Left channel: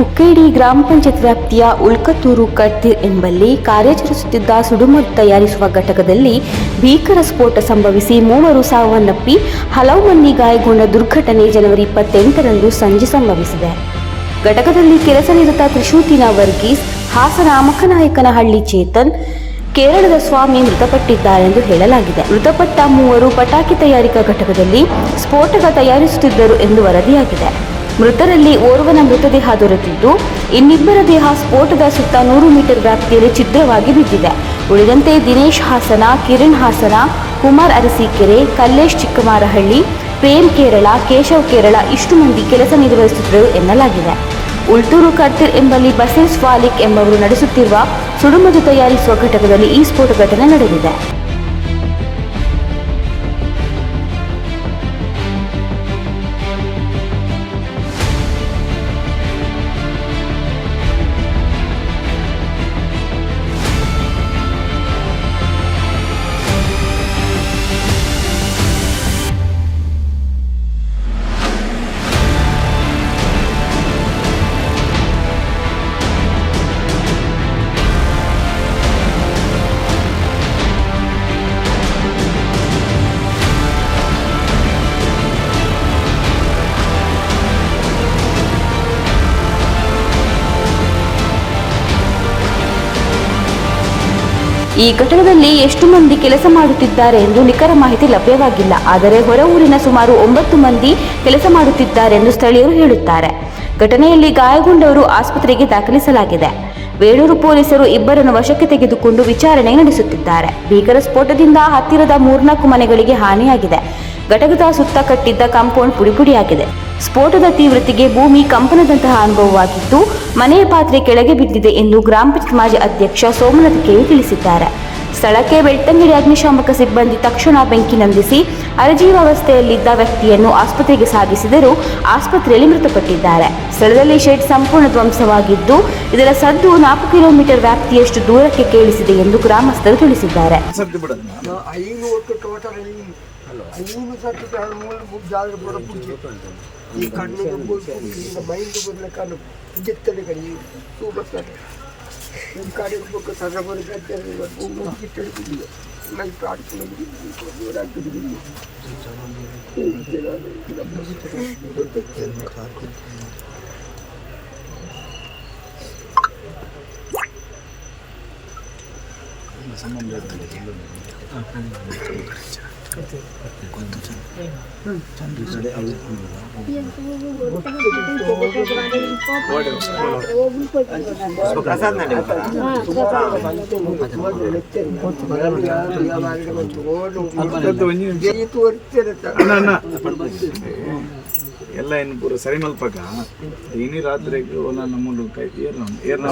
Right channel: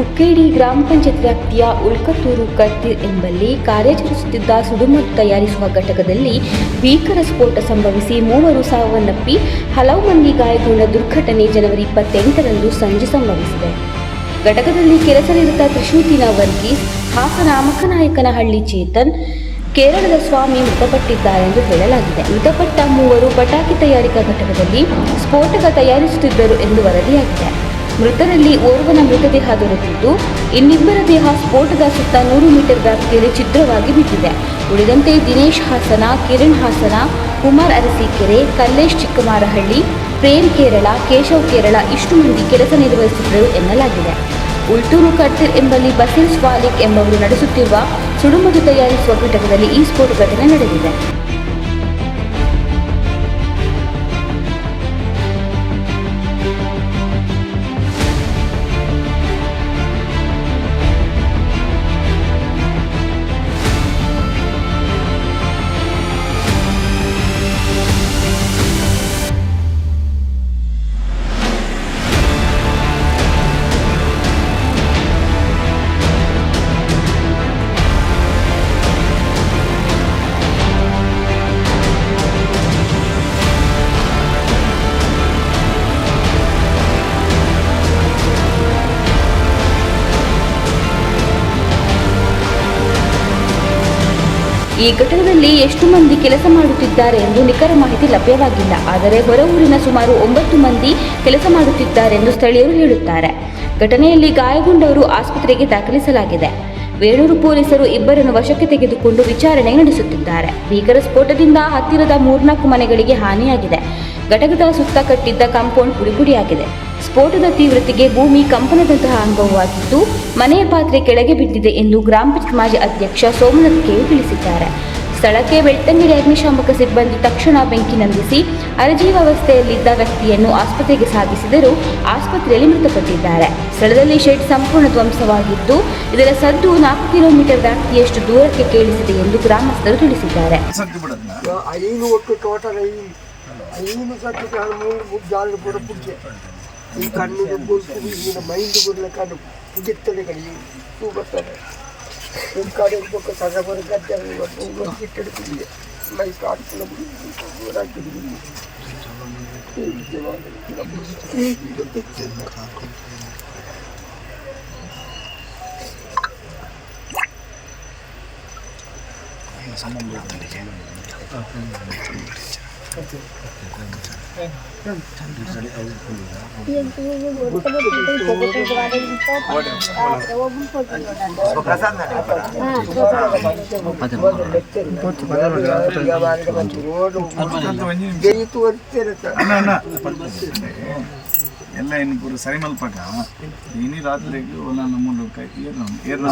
ಕುಕ್ಕೇಡಿ ಗ್ರಾಮ ಪಂಚಾಯತ್ ವ್ಯಾಪ್ತಿಯ ಉಳ್ಕತ್ತೂರು ಕತ್ತಿರ್ ಎಂಬಲ್ಲಿ ಕಾರ್ಯಾಚರಿಸುತ್ತಿದ್ದ ಸುಡುಮದ್ದು ತಯಾರಿಸುವ ಘಟಕದಲ್ಲಿ ಭೀಕರ ಸ್ಫೋಟ ಸಂಭವಿಸಿ ಮೂವರು ಸಾವನ್ನಪ್ಪಿ ಹಲವು ಮಂದಿ ಗಾಯಗೊಂಡ ದುರ್ಘಟನೆ ಜನವರಿ ಇಪ್ಪತ್ತೆಂಟರಂದು ಸಂಜೆ ಸಂಭವಿಸಿದೆ. ಘಟಕದಲ್ಲಿ ಕೆಲಸ ನಿರತ ತ್ರಿಶೂತಿನ ವರ್ಗೀಸ್, ಹಾಸನ ಅಮಕನಾಯಕನಹಳ್ಳಿ ಚೇತನ್, ಕೇರಳದ ಸ್ವಾಮಿ ಮೃತಪಟ್ಟಿದ್ದಾರೆಂದು ಹೇಳಲಾಗಿದೆ. ಮೃತಪಟ್ಟ ಮೂವರು ಪಟಾಕಿ ತಯಾರಿಕಾ ಘಟಕದಲ್ಲಿ ಸ್ಫೋಟಕ ತಯಾರಿಸುತ್ತಿದ್ದರು ಎಂದು ವರದಿಯಾಗಿದೆ. ಮೃತರಲ್ಲಿ ಓರ್ವನ ಮೃತದೇಹ ದೊರೆತಿದ್ದು, ಇನ್ನಿಬ್ಬರ ದೇಹ ಸ್ಫೋಟದ ಸುತ್ತ ನೂರು ಮೀಟರ್ ವ್ಯಾಪ್ತಿಯಲ್ಲಿ ಛಿದ್ರವಾಗಿ ಬಿದ್ದಿದೆ. ಉಳಿದಂತೆ ದಿನೇಶ್ ಹಾಸನ, ಕಿರಣ್ ಹಾಸನ, ಕುಮಾರ್ ಅರಸೀಕೆರೆ, ಕಲ್ಲೇಶ್ ಚಿಕ್ಕಮಾರಹಳ್ಳಿ ಪ್ರೇಮ್ ಕೇರಳ, ಕೇಶವ್ ಕೇರಳ ಇಷ್ಟು ಮಂದಿ ಕೆಲಸ ನಿರ್ವಹಿಸುತ್ತಿದ್ದರು ಎನ್ನಲಾಗಿದೆ. ಉಲ್ಟೂರು ಕರ್ತಿರ್ ಎಂಬಲ್ಲಿ ಬಸೀರ್ ವಾಲಿಕ್ ಎಂಬವರು ನಡೆಸುತ್ತಿರುವ ಸುಡುಮದು ತಯಾರಿಸುವ ಘಟಕದಲ್ಲಿ ಈ ಸ್ಫೋಟ ಘಟನೆ ನಡೆದಿದೆ. ಈ ಘಟಕದಲ್ಲಿ ಎಷ್ಟು ಮಂದಿ ಕೆಲಸ ಮಾಡುತ್ತಿದ್ದಾರೆ ಎಂದು ನಿಖರ ಮಾಹಿತಿ ಲಭ್ಯವಾಗಿಲ್ಲ. ಆದರೆ ಹೊರ ಊರಿನ ಸುಮಾರು ಒಂಬತ್ತು ಮಂದಿ ಕೆಲಸ ಮಾಡುತ್ತಿದ್ದಾರೆ ಎಂದು ಸ್ಥಳೀಯರು ಹೇಳುತ್ತಾರೆ. ಘಟನೆಯಲ್ಲಿ ಗಾಯಗೊಂಡವರು ಆಸ್ಪತ್ರೆಗೆ ದಾಖಲಿಸಲಾಗಿದೆ. ಬೇಳೂರು ಪೊಲೀಸರು ಇಬ್ಬರನ್ನು ವಶಕ್ಕೆ ತೆಗೆದುಕೊಂಡು ವಿಚಾರಣೆ ನಡೆಸುತ್ತಿದ್ದಾರೆ. ಭೀಕರ ಸ್ಫೋಟದಿಂದ ಹತ್ತಿರದ ಮೂರ್ನಾಲ್ಕು ಮನೆಗಳಿಗೆ ಹಾನಿಯಾಗಿದೆ. ಘಟಕದ ಸುತ್ತ ಕಟ್ಟಿದ್ದ ಕಾಂಪೌಂಡ್ ಪುಡಿಪುಡಿಯಾಗಿದೆ. ಸ್ಫೋಟದ ತೀವ್ರತೆಗೆ ಭೂಮಿ ಕಂಪನದಂತಹ ಅನುಭವವಾಗಿದ್ದು ಮನೆಯ ಪಾತ್ರೆ ಕೆಳಗೆ ಬಿದ್ದಿದೆ ಎಂದು ಗ್ರಾಮ ಮಾಜಿ ಅಧ್ಯಕ್ಷ ಸೋಮನಾಥ್ ಕೇರಿ ತಿಳಿಸಿದ್ದಾರೆ. ಸ್ಥಳಕ್ಕೆ ಬೆಳ್ತಂಗಡಿ ಅಗ್ನಿಶಾಮಕ ಸಿಬ್ಬಂದಿ ತಕ್ಷಣ ಬೆಂಕಿ ನಂದಿಸಿ ಅರಜೀವಾವಸ್ಥೆಯಲ್ಲಿದ್ದ ವ್ಯಕ್ತಿಯನ್ನು ಆಸ್ಪತ್ರೆಗೆ ಸಾಗಿಸಿದರೂ ಆಸ್ಪತ್ರೆಯಲ್ಲಿ ಮೃತಪಟ್ಟಿದ್ದಾರೆ. ಸ್ಥಳದಲ್ಲಿ ಶೆಡ್ ಸಂಪೂರ್ಣ ಧ್ವಂಸವಾಗಿದ್ದು, ಇದರ ಸದ್ದು ನಾಲ್ಕು ಕಿಲೋಮೀಟರ್ ವ್ಯಾಪ್ತಿಯಷ್ಟು ದೂರಕ್ಕೆ ಕೇಳಿಸಿದೆ ಎಂದು ಗ್ರಾಮಸ್ಥರು ತಿಳಿಸಿದ್ದಾರೆ. ಸತ್ತು ಬಿಡದ್ನ ಐನು ಒಟ್ಟು ಟೋಟಲ್ ಐನು ಐನು ಸತ್ತು ಕಾಳು ಮೂರು ಮುಗ್ದು ಜಾಗ ಪೂರ ಪುಡ್ಜೆ ಈ ಕಣ್ಣು ಗೋಲ್ಪು ಈಗ ಮೈಂಡ್ ಬರಲ ಕಣ್ಣು ಪುಡಿತ್ತದೆ ಕಡೆ ತೂ ಬರ್ತದೆ ಈ ಕಡೆ ಪಕ್ಕ ತಗೊಂಡು ಗದ್ದೆ ಬಿಟ್ಟಡು ಬಿದ್ದಿದೆ ನನಗೆ ಪ್ರಾಣಿಗಳ ದೂರಾಗ್ತದೆ ಅಣ್ಣ Iya, ಎಲ್ಲ ಇನ್ನು ಪೂರ ಸರಿ ಮಲ್ಪಕ ಇನಿ ರಾತ್ರಿಗೆ ಒಲ್ಲ ನಮ್ಮನ್ನು ಕೈ ಏರ್ನ ಏರ್ನ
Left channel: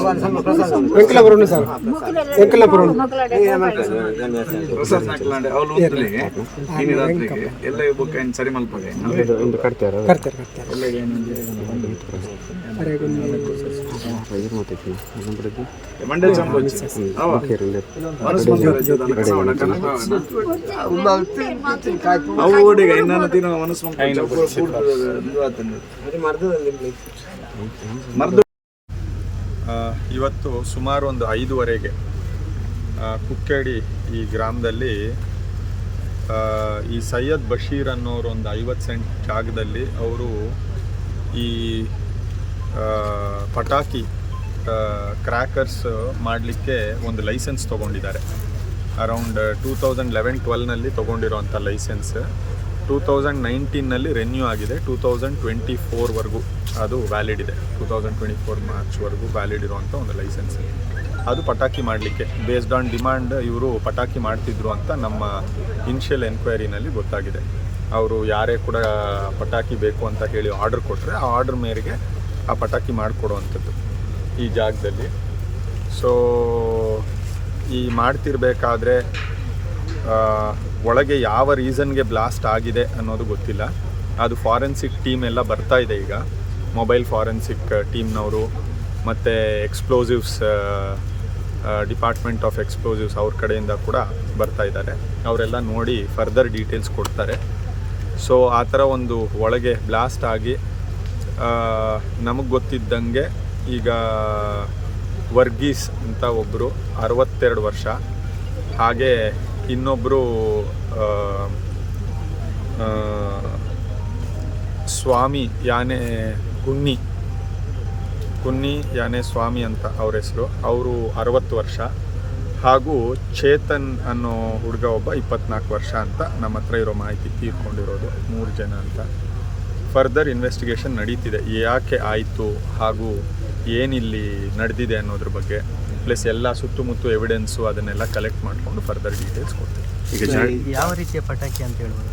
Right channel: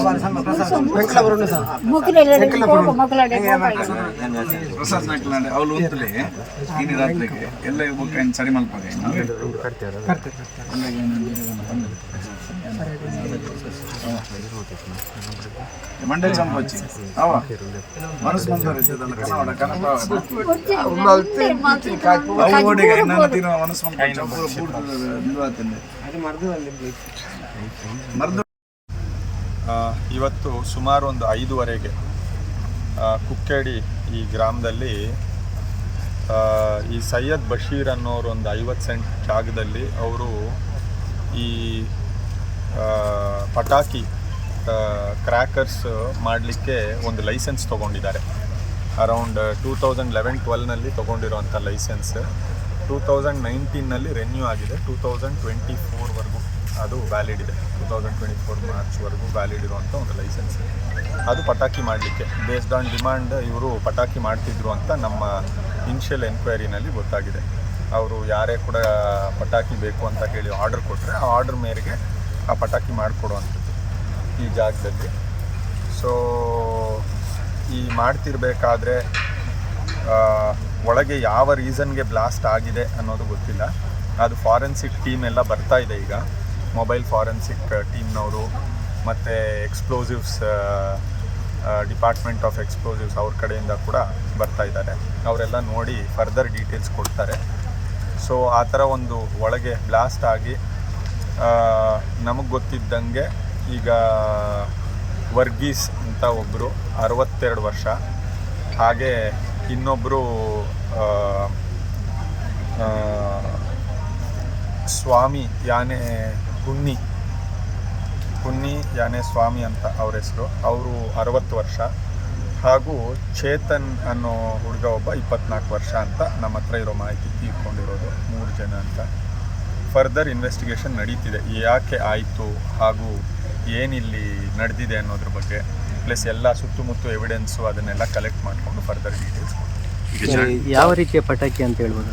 ಪ್ರಸಾದ್ ನಾಕ್ಲಾಂಡೆ ಅವ್ಲು ಓದ್ಲಿ ಇನಿ ರಾತ್ರಿಗೆ. ಎಲ್ಲ ಬೊಕ್ಕ ಏನು ಸರಿ ಮಲ್ಪಕ ಒಳ್ಳೆ ಇನ್ನೊಂದು ದಿನ ಮನಸ್ಸು ಮರ್ದು. ಇವತ್ತು ಸುಮಾರು ಒಂದು ಐದುವರೆಗೆ ಆ, ಕುಕ್ಕೇಡಿ ಈ ಗ್ರಾಮದಲ್ಲಿ ಆ, ಈ ಸೈಯದ್ ಬಶೀರ್ ಅನ್ನೋರು ಒಂದು ಐವತ್ತು ಸೆಂಟ್ ಜಾಗದಲ್ಲಿ ಅವರು ಈ ಆ, ಪಟಾಕಿ ಕ್ರ್ಯಾಕರ್ಸ್ ಮಾಡಲಿಕ್ಕೆ ಒಂದು ಲೈಸೆನ್ಸ್ ತೊಗೊಂಡಿದ್ದಾರೆ. ಅರೌಂಡ್ ಟೂ ತೌಸಂಡ್ ಲೆವೆನ್ ಟ್ವೆಲ್ನಲ್ಲಿ ತೊಗೊಂಡಿರೋಂಥ ಲೈಸೆನ್ಸ್ ಟೂ ತೌಸಂಡ್ ನೈನ್ಟೀನಲ್ಲಿ ರೆನ್ಯೂ ಆಗಿದೆ. ಟೂ ತೌಸಂಡ್ ಟ್ವೆಂಟಿ ಫೋರ್ವರೆಗೂ ಅದು ವ್ಯಾಲಿಡ್ ಇದೆ. ಟೂ ತೌಸಂಡ್ ಟ್ವೆಂಟಿ ಫೋರ್ ಮಾರ್ಚ್ವರೆಗೂ ವ್ಯಾಲಿಡ್ ಇರುವಂಥ ಒಂದು ಲೈಸೆನ್ಸ್ ಅದು ಪಟಾಕಿ ಮಾಡಲಿಕ್ಕೆ ಬೇಸ್ಡ್ ಆನ್ ಡಿಮ್ಯಾಂಡ್ ಇವರು ಪಟಾಕಿ ಮಾಡ್ತಿದ್ರು ಅಂತ ನಮ್ಮ ಇನಿಷಿಯಲ್ ಎನ್ಕ್ವೈರಿನಲ್ಲಿ ಗೊತ್ತಾಗಿದೆ. ಅವರು ಯಾರೇ ಕೂಡ ಪಟಾಕಿ ಬೇಕು ಅಂತ ಹೇಳಿ ಆರ್ಡರ್ ಕೊಟ್ಟರೆ ಆ ಆರ್ಡರ್ ಮೇರೆಗೆ ಆ ಪಟಾಕಿ ಮಾಡಿಕೊಡುವಂಥದ್ದು. ಈ ಜಾಗದಲ್ಲಿ. ಸೊ ಈ ಮಾಡ್ತಿರ್ಬೇಕಾದ್ರೆ ಒಳಗೆ ಯಾವ ರೀಸನ್ಗೆ ಬ್ಲಾಸ್ಟ್ ಆಗಿದೆ ಅನ್ನೋದು ಗೊತ್ತಿಲ್ಲ. ಅದು ಫಾರೆನ್ಸಿಕ್ ಟೀಮ್ ಎಲ್ಲ ಬರ್ತಾ ಇದೆ ಈಗ. ಮೊಬೈಲ್ ಫಾರೆನ್ಸಿಕ್ ಟೀಮ್ನವರು, ಮತ್ತು ಎಕ್ಸ್ಪ್ಲೋಸಿವ್ಸ್ ಡಿಪಾರ್ಟ್ಮೆಂಟ್ ಆಫ್ ಎಕ್ಸ್ಪ್ಲೋಸಿವ್ಸ್ ಅವ್ರ ಕಡೆಯಿಂದ ಕೂಡ ಬರ್ತಾ ಇದ್ದಾರೆ. ಅವರೆಲ್ಲ ನೋಡಿ ಫರ್ದರ್ ಡೀಟೇಲ್ಸ್ ಕೊಡ್ತಾರೆ. ಸೊ ಆ ಥರ ಒಂದು ಒಳಗೆ ಬ್ಲಾಸ್ಟ್ ಆಗಿ ನಮಗೆ ಗೊತ್ತಿದ್ದಂಗೆ ಈಗ ವರ್ಗೀಸ್ ಅಂತ ಒಬ್ಬರು ಅರವತ್ತೆರಡು ವರ್ಷ. ಹಾಗೆ ಇನ್ನೊಬ್ಬರು ಸ್ವಾಮಿ ಯಾನೆ ಕುನ್ನಿ. ಕುನ್ನಿ ಯಾನೆ ಸ್ವಾಮಿ ಅಂತ ಅವ್ರ ಹೆಸರು. ಅವರು ಅರವತ್ತು ವರ್ಷ. ಹಾಗೂ ಚೇತನ್ ಅನ್ನೋ ಹುಡುಗ ಒಬ್ಬ ಇಪ್ಪತ್ನಾಲ್ಕು ವರ್ಷ ಅಂತ ನಮ್ಮ ಹತ್ರ ಇರೋ ಮಾಹಿತಿ ತೀರ್ಕೊಂಡಿರೋದು ಮೂರು ಜನ ಅಂತ. ಫರ್ದರ್ ಇನ್ವೆಸ್ಟಿಗೇಷನ್ ನಡೀತಿದೆ. ಯಾಕೆ ಆಯಿತು ಹಾಗೂ ಏನಿಲ್ಲಿ ನಡೆದಿದೆ ಅನ್ನೋದ್ರ ಬಗ್ಗೆ ಪ್ಲಸ್ ಎಲ್ಲ ಸುತ್ತಮುತ್ತ ಎವಿಡೆನ್ಸು ಅದನ್ನೆಲ್ಲ ಕಲೆಕ್ಟ್ ಮಾಡಿಕೊಂಡು ಫರ್ದರ್ ಡೀಟೇಲ್ಸ್ ಕೊಡ್ತೀವಿ ಈಗ ಯಾವ ರೀತಿಯ ಪಟಾಕಿ ಅಂತ ಹೇಳ್ಬೋದು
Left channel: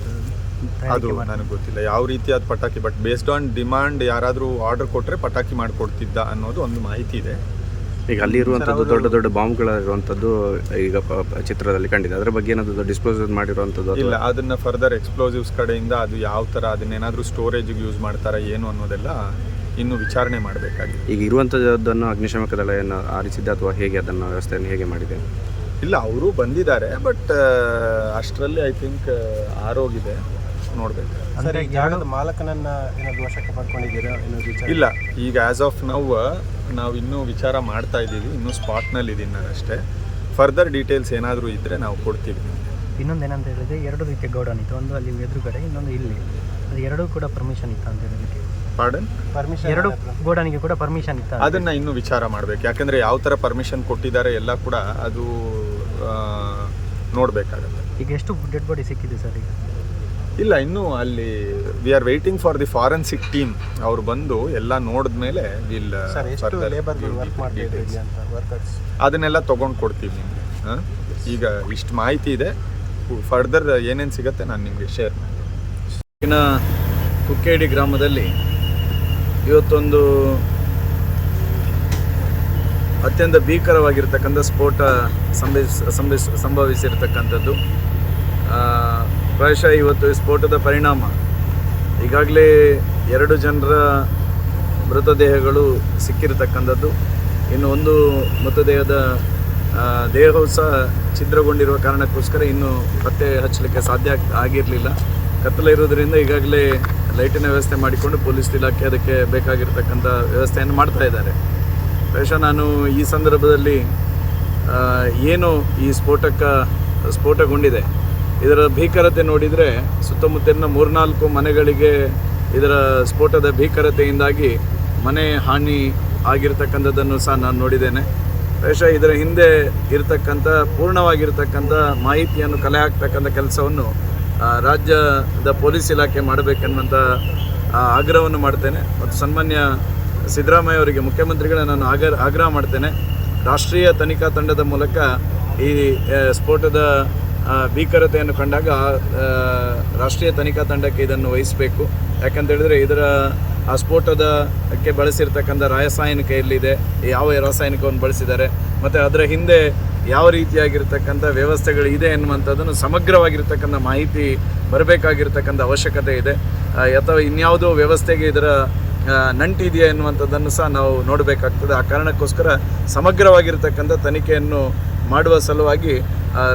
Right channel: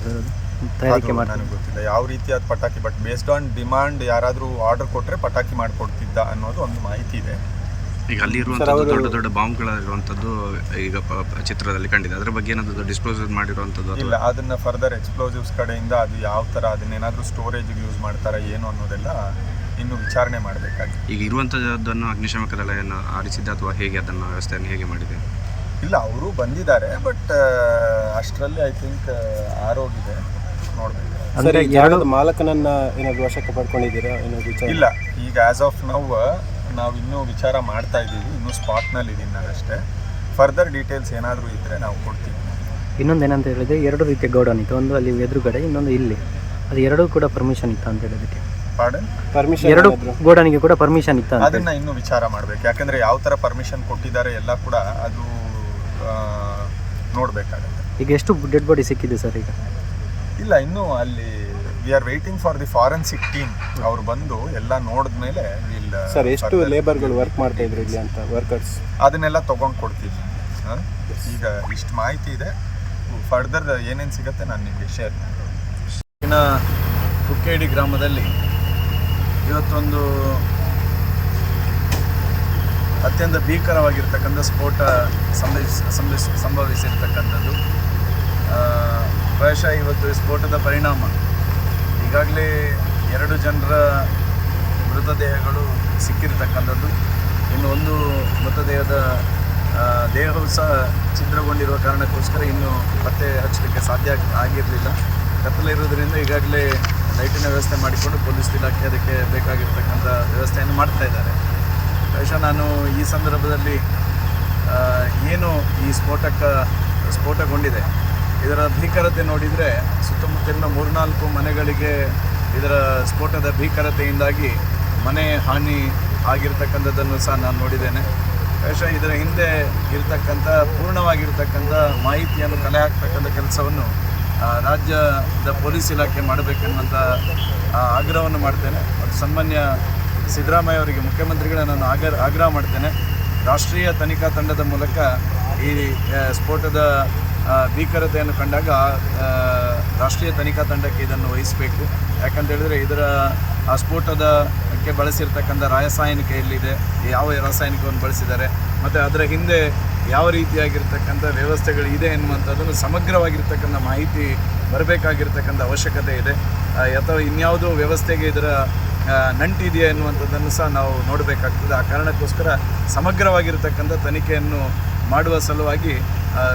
ಅದು? ನನಗೆ ಗೊತ್ತಿಲ್ಲ. ಯಾವ ರೀತಿಯಾದ ಪಟಾಕಿ ಬಟ್ ಬೇಸ್ಡ್ ಆನ್ ಡಿಮಾಂಡ್ ಯಾರಾದರೂ ಆರ್ಡರ್ ಕೊಟ್ಟರೆ ಪಟಾಕಿ ಮಾಡಿಕೊಡ್ತಿದ್ದ ಅನ್ನೋದು ಒಂದು ಮಾಹಿತಿ ಇದೆ. ಈಗ ಅಲ್ಲಿ ಇರುವಂಥದ್ದು ದೊಡ್ಡ ದೊಡ್ಡ ಬಾಂಬ್ಗಳಿರುವಂಥದ್ದು ಈಗ ಚಿತ್ರದಲ್ಲಿ ಕಂಡಿದೆ. ಅದರ ಬಗ್ಗೆ ಏನಾದರೂ ಡಿಸ್ಪೋಸ್ ಮಾಡಿರುವಂಥದ್ದು ಇಲ್ಲ ಅದನ್ನು ಅದನ್ನ ಫರ್ದರ್ ಎಕ್ಸ್ಪ್ಲೋಸಿವ್ಸ್ ಕಡೆಯಿಂದ ಅದು ಯಾವ ಥರ ಅದನ್ನೇನಾದರೂ ಸ್ಟೋರೇಜಿಗೆ ಯೂಸ್ ಮಾಡ್ತಾರಾ ಏನು ಅನ್ನೋದೆಲ್ಲ ಇನ್ನು ವಿಚಾರಣೆ ಮಾಡಬೇಕಾಗಿದೆ. ಈಗ ಇರುವಂಥದ್ದನ್ನು ಅಗ್ನಿಶಾಮಕ ದಳ ಏನು ಆರಿಸಿದ್ದೆ ಅಥವಾ ಹೇಗೆ ಅದನ್ನು ವ್ಯವಸ್ಥೆಯನ್ನು ಹೇಗೆ ಮಾಡಿದೆ? ಇಲ್ಲ ಅವರು ಬಂದಿದ್ದಾರೆ ಬಟ್ ಅಷ್ಟರಲ್ಲಿ ಐ ಥಿಂಕ್ ಆರೋಗಿದೆ ನೋಡಬೇಕು. ಅಂದರೆ ಯಾರು ಮಾಲಕನನ್ನ ಏನಾದ್ರು ವಶಕ್ಕೆ ಪಡ್ಕೊಂಡಿದ್ದೀರಾ ವಿಚಾರ? ಇಲ್ಲ ಈಗ ಆ್ಯಸ್ ಆಫ್ ನೌ ನಾವು ಇನ್ನೂ ವಿಚಾರ ಮಾಡ್ತಾ ಇದ್ದೀವಿ ಇನ್ನೂ ಸ್ಪಾಟ್ನಲ್ಲಿ ಇದ್ದೀನಿ ನಾನು ಅಷ್ಟೇ. ಫರ್ದರ್ ಡೀಟೇಲ್ಸ್ ಏನಾದರೂ ಇದ್ದರೆ ನಾವು ಕೊಡ್ತೀವಿ. ಇನ್ನೊಂದು ಏನಂತ ಹೇಳಿದ್ರೆ ಎರಡು ರೀತಿಯ ಗೌಡನ್ ಇತ್ತು. ಒಂದು ಅಲ್ಲಿ ಎದುರುಗಡೆ ಇನ್ನೊಂದು ಇಲ್ಲಿ. ಅದು ಎರಡೂ ಕೂಡ ಪರ್ಮಿಷನ್ ಇತ್ತು ಅಂತ ಹೇಳಿದಕ್ಕೆ ಪಾರ್ಡನ್ ಪರ್ಮಿಷನ್ ಎರಡು ಗೋಡನಿಗೆ ಕೂಡ ಪರ್ಮಿಷನ್ ಇತ್ತು ಅದನ್ನ ಇನ್ನೂ ವಿಚಾರ ಮಾಡಬೇಕು. ಯಾಕಂದ್ರೆ ಯಾವ ತರ ಪರ್ಮಿಷನ್ ಕೊಟ್ಟಿದ್ದಾರೆ ಎಲ್ಲ ಕೂಡ ಅದು ನೋಡಬೇಕಾಗತ್ತೆ. ಈಗ ಎಷ್ಟು ಡೆಡ್ ಬಾಡಿ ಸಿಕ್ಕಿದೆ ಸರ್ ಈಗ? ಇಲ್ಲ ಇನ್ನು ಅಲ್ಲಿ we are waiting for the forensic team ಅವ್ರು ಬಂದು ಎಲ್ಲ ನೋಡಿದ್ಮೇಲೆ ವಿಲ್ ಸರ್ ಎಷ್ಟು ಲೇಬರ್ಗಳು ವರ್ಕ್ ಮಾಡ್ತಿದ್ರು ಇಲ್ಲಿ ಅಂತ ವರ್ಕರ್ಸ್ ಅದನ್ನೆಲ್ಲ ತಗೊಂಡು ಕೊಡ್ತೀವಿ ನಿಮಗೆ ಹಾಂ? ಈಗ ಇಷ್ಟು ಮಾಹಿತಿ ಇದೆ. ಫರ್ದರ್ ಏನೇನು ಸಿಗುತ್ತೆ ನಾನು ನಿಮಗೆ ಶೇರ್ ಇನ್ನು ಕುಕ್ಕೇಡಿ ಗ್ರಾಮದಲ್ಲಿ ಇವತ್ತೊಂದು ಅತ್ಯಂತ ಭೀಕರವಾಗಿರ್ತಕ್ಕಂಥ ಸ್ಫೋಟ ಸಂಭವಿಸ್ ಸಂಭವಿಸ್ ಸಂಭವಿಸಿರ್ತಕ್ಕಂಥದ್ದು. ಪ್ರಾಯಶಃ ಇವತ್ತು ಸ್ಫೋಟದ ಪರಿಣಾಮ. ಈಗಾಗಲೇ ಎರಡು ಜನರ ಮೃತದೇಹಗಳು ಸಿಕ್ಕಿರತಕ್ಕಂಥದ್ದು. ಇನ್ನು ಒಂದು ಮೃತದೇಹದ ದೇಹವು ಸಹ ಛಿದ್ರಗೊಂಡಿರುವ ಕಾರಣಕ್ಕೋಸ್ಕರ ಇನ್ನೂ ಪತ್ತೆ ಹಚ್ಚಲಿಕ್ಕೆ ಸಾಧ್ಯ ಆಗಿರಲಿಲ್ಲ. ಕತ್ತಲೆ ಇರೋದ್ರಿಂದ ಈಗಾಗಲೇ ಲೈಟಿನ ವ್ಯವಸ್ಥೆ ಮಾಡಿಕೊಂಡು ಪೊಲೀಸ್ ಇಲಾಖೆ ಅದಕ್ಕೆ ಬೇಕಾಗಿರ್ತಕ್ಕಂಥ ವ್ಯವಸ್ಥೆಯನ್ನು ಮಾಡ್ತಾ ಇದ್ದಾರೆ. ಬಹುಶಃ ನಾನು ಈ ಸಂದರ್ಭದಲ್ಲಿ ಏನು ಈ ಸ್ಫೋಟಕ, ಸ್ಫೋಟಗೊಂಡಿದೆ, ಇದರ ಭೀಕರತೆ ನೋಡಿದರೆ ಸುತ್ತಮುತ್ತಲಿನ ಮೂರ್ನಾಲ್ಕು ಮನೆಗಳಿಗೆ ಇದರ ಸ್ಫೋಟದ ಭೀಕರತೆಯಿಂದಾಗಿ ಮನೆ ಹಾನಿ ಆಗಿರ್ತಕ್ಕಂಥದ್ದನ್ನು ಸಹ ನಾನು ನೋಡಿದ್ದೇನೆ. ಬಹುಶಃ ಇದರ ಹಿಂದೆ ಇರತಕ್ಕಂಥ, ಪೂರ್ಣವಾಗಿರ್ತಕ್ಕಂಥ ಮಾಹಿತಿಯನ್ನು ಕಲೆ ಹಾಕ್ತಕ್ಕಂಥ ಕೆಲಸವನ್ನು ರಾಜ್ಯದ ಪೊಲೀಸ್ ಇಲಾಖೆ ಮಾಡಬೇಕೆನ್ನುವಂಥ ಆಗ್ರಹವನ್ನು ಮಾಡ್ತೇನೆ. ಮತ್ತು ಸನ್ಮಾನ್ಯ ಸಿದ್ದರಾಮಯ್ಯ ಅವರಿಗೆ ಮುಖ್ಯಮಂತ್ರಿಗಳ ನಾನು ಆಗ ಆಗ್ರಹ ಮಾಡ್ತೇನೆ. ರಾಷ್ಟ್ರೀಯ ತನಿಖಾ ತಂಡದ ಮೂಲಕ ಈ ಸ್ಫೋಟದ ಭೀಕರತೆಯನ್ನು ಕಂಡಾಗ ರಾಷ್ಟ್ರೀಯ ತನಿಖಾ ತಂಡಕ್ಕೆ ಇದನ್ನು ವಹಿಸಬೇಕು. ಯಾಕಂತ ಹೇಳಿದರೆ ಇದರ, ಆ ಸ್ಫೋಟದಕ್ಕೆ ಬಳಸಿರ್ತಕ್ಕಂಥ ರಾಸಾಯನಿಕ ಎಲ್ಲಿದೆ, ಯಾವ ರಾಸಾಯನಿಕವನ್ನು ಬಳಸಿದ್ದಾರೆ, ಮತ್ತು ಅದರ ಹಿಂದೆ ಯಾವ ರೀತಿಯಾಗಿರ್ತಕ್ಕಂಥ ವ್ಯವಸ್ಥೆಗಳು ಇದೆ ಎನ್ನುವಂಥದ್ದನ್ನು ಸಮಗ್ರವಾಗಿರ್ತಕ್ಕಂಥ ಮಾಹಿತಿ ಬರಬೇಕಾಗಿರ್ತಕ್ಕಂಥ ಅವಶ್ಯಕತೆ ಇದೆ. ಅಥವಾ ಇನ್ಯಾವುದೋ ವ್ಯವಸ್ಥೆಗೆ ಇದರ ನಂಟಿದೆಯಾ ಎನ್ನುವಂಥದ್ದನ್ನು ಸಹ ನಾವು ನೋಡಬೇಕಾಗ್ತದೆ. ಆ ಕಾರಣಕ್ಕೋಸ್ಕರ ಸಮಗ್ರವಾಗಿರ್ತಕ್ಕಂಥ ತನಿಖೆಯನ್ನು ಮಾಡುವ ಸಲುವಾಗಿ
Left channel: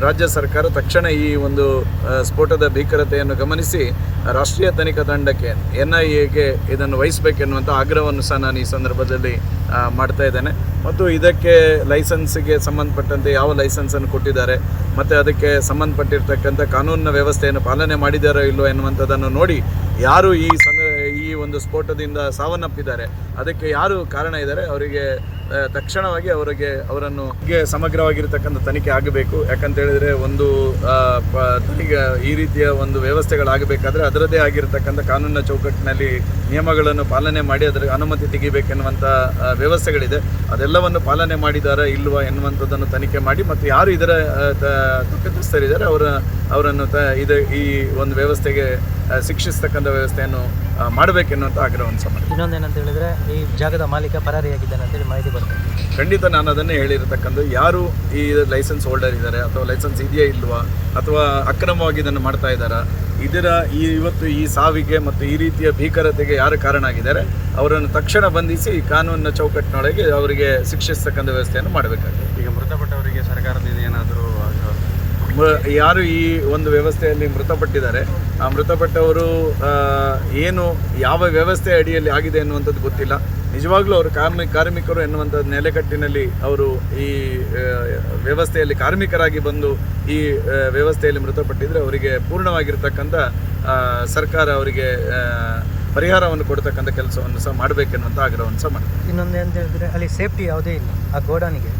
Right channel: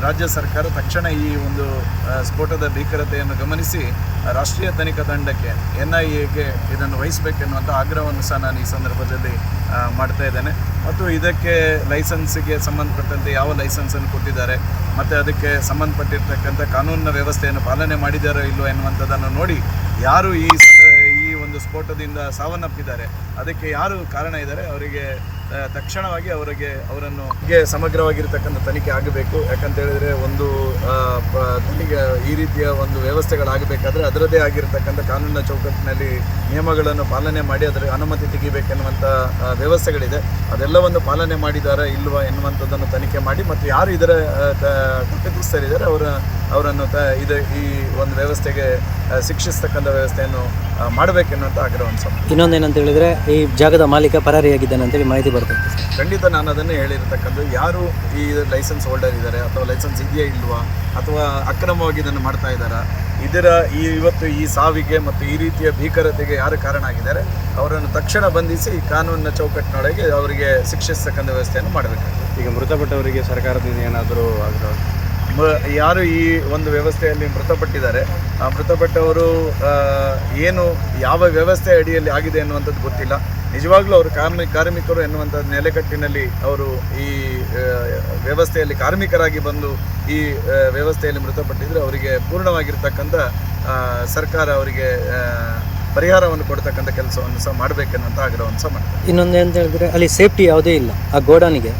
ರಾಜ್ಯ ಸರ್ಕಾರ ತಕ್ಷಣ ಈ ಒಂದು ಸ್ಫೋಟದ ಭೀಕರತೆಯನ್ನು ಗಮನಿಸಿ ರಾಷ್ಟ್ರೀಯ ತನಿಖಾ ತಂಡಕ್ಕೆ ಎನ್ ಐ ಎಗೆ ಇದನ್ನು ವಹಿಸಬೇಕೆನ್ನುವಂಥ ಆಗ್ರಹವನ್ನು ಸಹ ನಾನು ಈ ಸಂದರ್ಭದಲ್ಲಿ ಮಾಡ್ತಾ ಇದ್ದೇನೆ. ಮತ್ತು ಇದಕ್ಕೆ ಲೈಸೆನ್ಸಿಗೆ ಸಂಬಂಧಪಟ್ಟಂತೆ ಯಾವ ಲೈಸೆನ್ಸನ್ನು ಕೊಟ್ಟಿದ್ದಾರೆ, ಮತ್ತು ಅದಕ್ಕೆ ಸಂಬಂಧಪಟ್ಟಿರ್ತಕ್ಕಂಥ ಕಾನೂನಿನ ವ್ಯವಸ್ಥೆಯನ್ನು ಪಾಲನೆ ಮಾಡಿದ್ದಾರೋ ಇಲ್ಲೋ ಎನ್ನುವಂಥದ್ದನ್ನು ನೋಡಿ ಯಾರು ಈ ಈ ಒಂದು ಸ್ಫೋಟದಿಂದ ಸಾವನ್ನಪ್ಪಿದ್ದಾರೆ, ಅದಕ್ಕೆ ಯಾರು ಕಾರಣ ಇದ್ದಾರೆ, ಅವರಿಗೆ ತಕ್ಷಣವಾಗಿ ಅವರಿಗೆ ಅವರನ್ನು ಸಮಗ್ರವಾಗಿರ್ತಕ್ಕಂಥ ತನಿಖೆ ಆಗಬೇಕು. ಯಾಕಂತ ಹೇಳಿದ್ರೆ ಒಂದು ಈಗ ಈ ರೀತಿಯ ಒಂದು ವ್ಯವಸ್ಥೆಗಳಾಗಬೇಕಾದ್ರೆ ಅದರದೇ ಆಗಿರತಕ್ಕಂಥ ಕಾನೂನಿನ ಚೌಕಟ್ಟಿನಲ್ಲಿ ನಿಯಮಗಳನ್ನು ಪಾಲನೆ ಮಾಡಿ ಅದರ ಅನುಮತಿ ತೆಗಿಬೇಕೆನ್ನುವಂಥ ವ್ಯವಸ್ಥೆಗಳಿದೆ. ಅದೆಲ್ಲವನ್ನು ಪಾಲನೆ ಮಾಡಿದ್ದಾರೆ ಇಲ್ವಾ ಎನ್ನುವಂಥದ್ದನ್ನು ತನಿಖೆ ಮಾಡಿ, ಮತ್ತು ಯಾರು ಇದರ ಕುಟುಂಬಸ್ಥರಿದ್ದಾರೆ ಅವರ ಅವರನ್ನು ತ ಇದು ಈ ಒಂದು ವ್ಯವಸ್ಥೆಗೆ ಶಿಕ್ಷಿಸ್ತಕ್ಕಂಥ ವ್ಯವಸ್ಥೆಯನ್ನು ಮಾಡಬೇಕೆನ್ನುವಂಥ ಆಗಿರೋ ಒಂದು ಇನ್ನೊಂದು ಏನಂತ ಹೇಳಿದ್ರೆ ಈ ಜಾಗದ ಮಾಲೀಕ ಪರಾರಿಯಾಗಿದ್ದಾನೆ ಅಂತೇಳಿ ಮಾಹಿತಿ ಬರ್ತದೆ ಖಂಡಿತ ನಾನು ಅದನ್ನೇ ಹೇಳಿರತಕ್ಕಂಥ ಯಾರು ಈ ಲೈಸೆನ್ಸ್ ಹೋಲ್ಡರ್ ಇದ್ದಾರೆ ಅಥವಾ ಲೈಸೆನ್ಸ್ ಇದೆಯಾ ಇಲ್ವಾ ಅಥವಾ ಅಕ್ರಮವಾಗಿ ಇದನ್ನು ಮಾಡ್ತಾ ಇದ್ದಾರೆ ಇದರ ಈ ಇವತ್ತು ಈ ಸಾವಿಗೆ ಮತ್ತು ಈ ರೀತಿಯ ಭೀಕರತೆಗೆ ಯಾರು ಕಾರಣ ಆಗಿದ್ದಾರೆ ಅವರನ್ನು ತಕ್ಷಣ ಬಂಧಿಸಿ ಕಾನೂನಿನ ಚೌಕಟ್ಟಿನೊಳಗೆ ಅವರಿಗೆ ಶಿಕ್ಷಿಸ್ತಕ್ಕಂಥ ವ್ಯವಸ್ಥೆಯನ್ನು ಮಾಡಬೇಕಾಗುತ್ತೆ ಈಗ ಮೃತಪಟ್ಟವರಿಗೆ ಸರ್ಕಾರದಿಂದ ಏನಾದರೂ ಯಾರು ಈ ಒಂದು ವ್ಯವಸ್ಥೆಯಲ್ಲಿ ಮೃತಪಟ್ಟಿದ್ದಾರೆ? ಆ, ಮೃತಪಟ್ಟವರು ಏನು, ಯಾವ ವ್ಯವಸ್ಥೆ ಅಡಿಯಲ್ಲಿ ಆಗಿದೆ ಎನ್ನುವಂಥದ್ದು ಗೊತ್ತಿಲ್ಲ. ನಿಜವಾಗ್ಲೂ ಅವರು ಕಾರ್ಮಿ, ಕಾರ್ಮಿಕರು ಎನ್ನುವಂಥದ್ದು ನೆಲೆಕಟ್ಟಿನಲ್ಲಿ ಅವರು ಈ ವ್ಯವಸ್ಥೆಯಲ್ಲಿ ಕಾರ್ಮಿಕರಾಗಿ ಬಂದು ಈ ವ್ಯವಸ್ಥೆಯಲ್ಲಿ ಮೃತಪಟ್ಟಿದ್ದರೆ ಅವರಿಗೆ ಪೂರ್ಣವಾಗಿರ್ತಕ್ಕಂಥ ಸರ್ಕಾರ ಅವರಿಗೆ ಪರಿಹಾರವನ್ನು ಕೊಡ್ತಕ್ಕಂಥ ಕೆಲಸವನ್ನು ಸಹ ಮಾಡಬೇಕೆನ್ನುವಂಥ ಆಗ್ರಹವನ್ನು ಸಹ ಮಾಡಿ ಇನ್ನೊಂದು ಅಂತ ಹೇಳಿದ್ರೆ ಅಲ್ಲಿ ಸೇಫ್ಟಿ ಯಾವುದೇ ಇಲ್ಲ ಆ ಗೋಡಾನಿಗೆ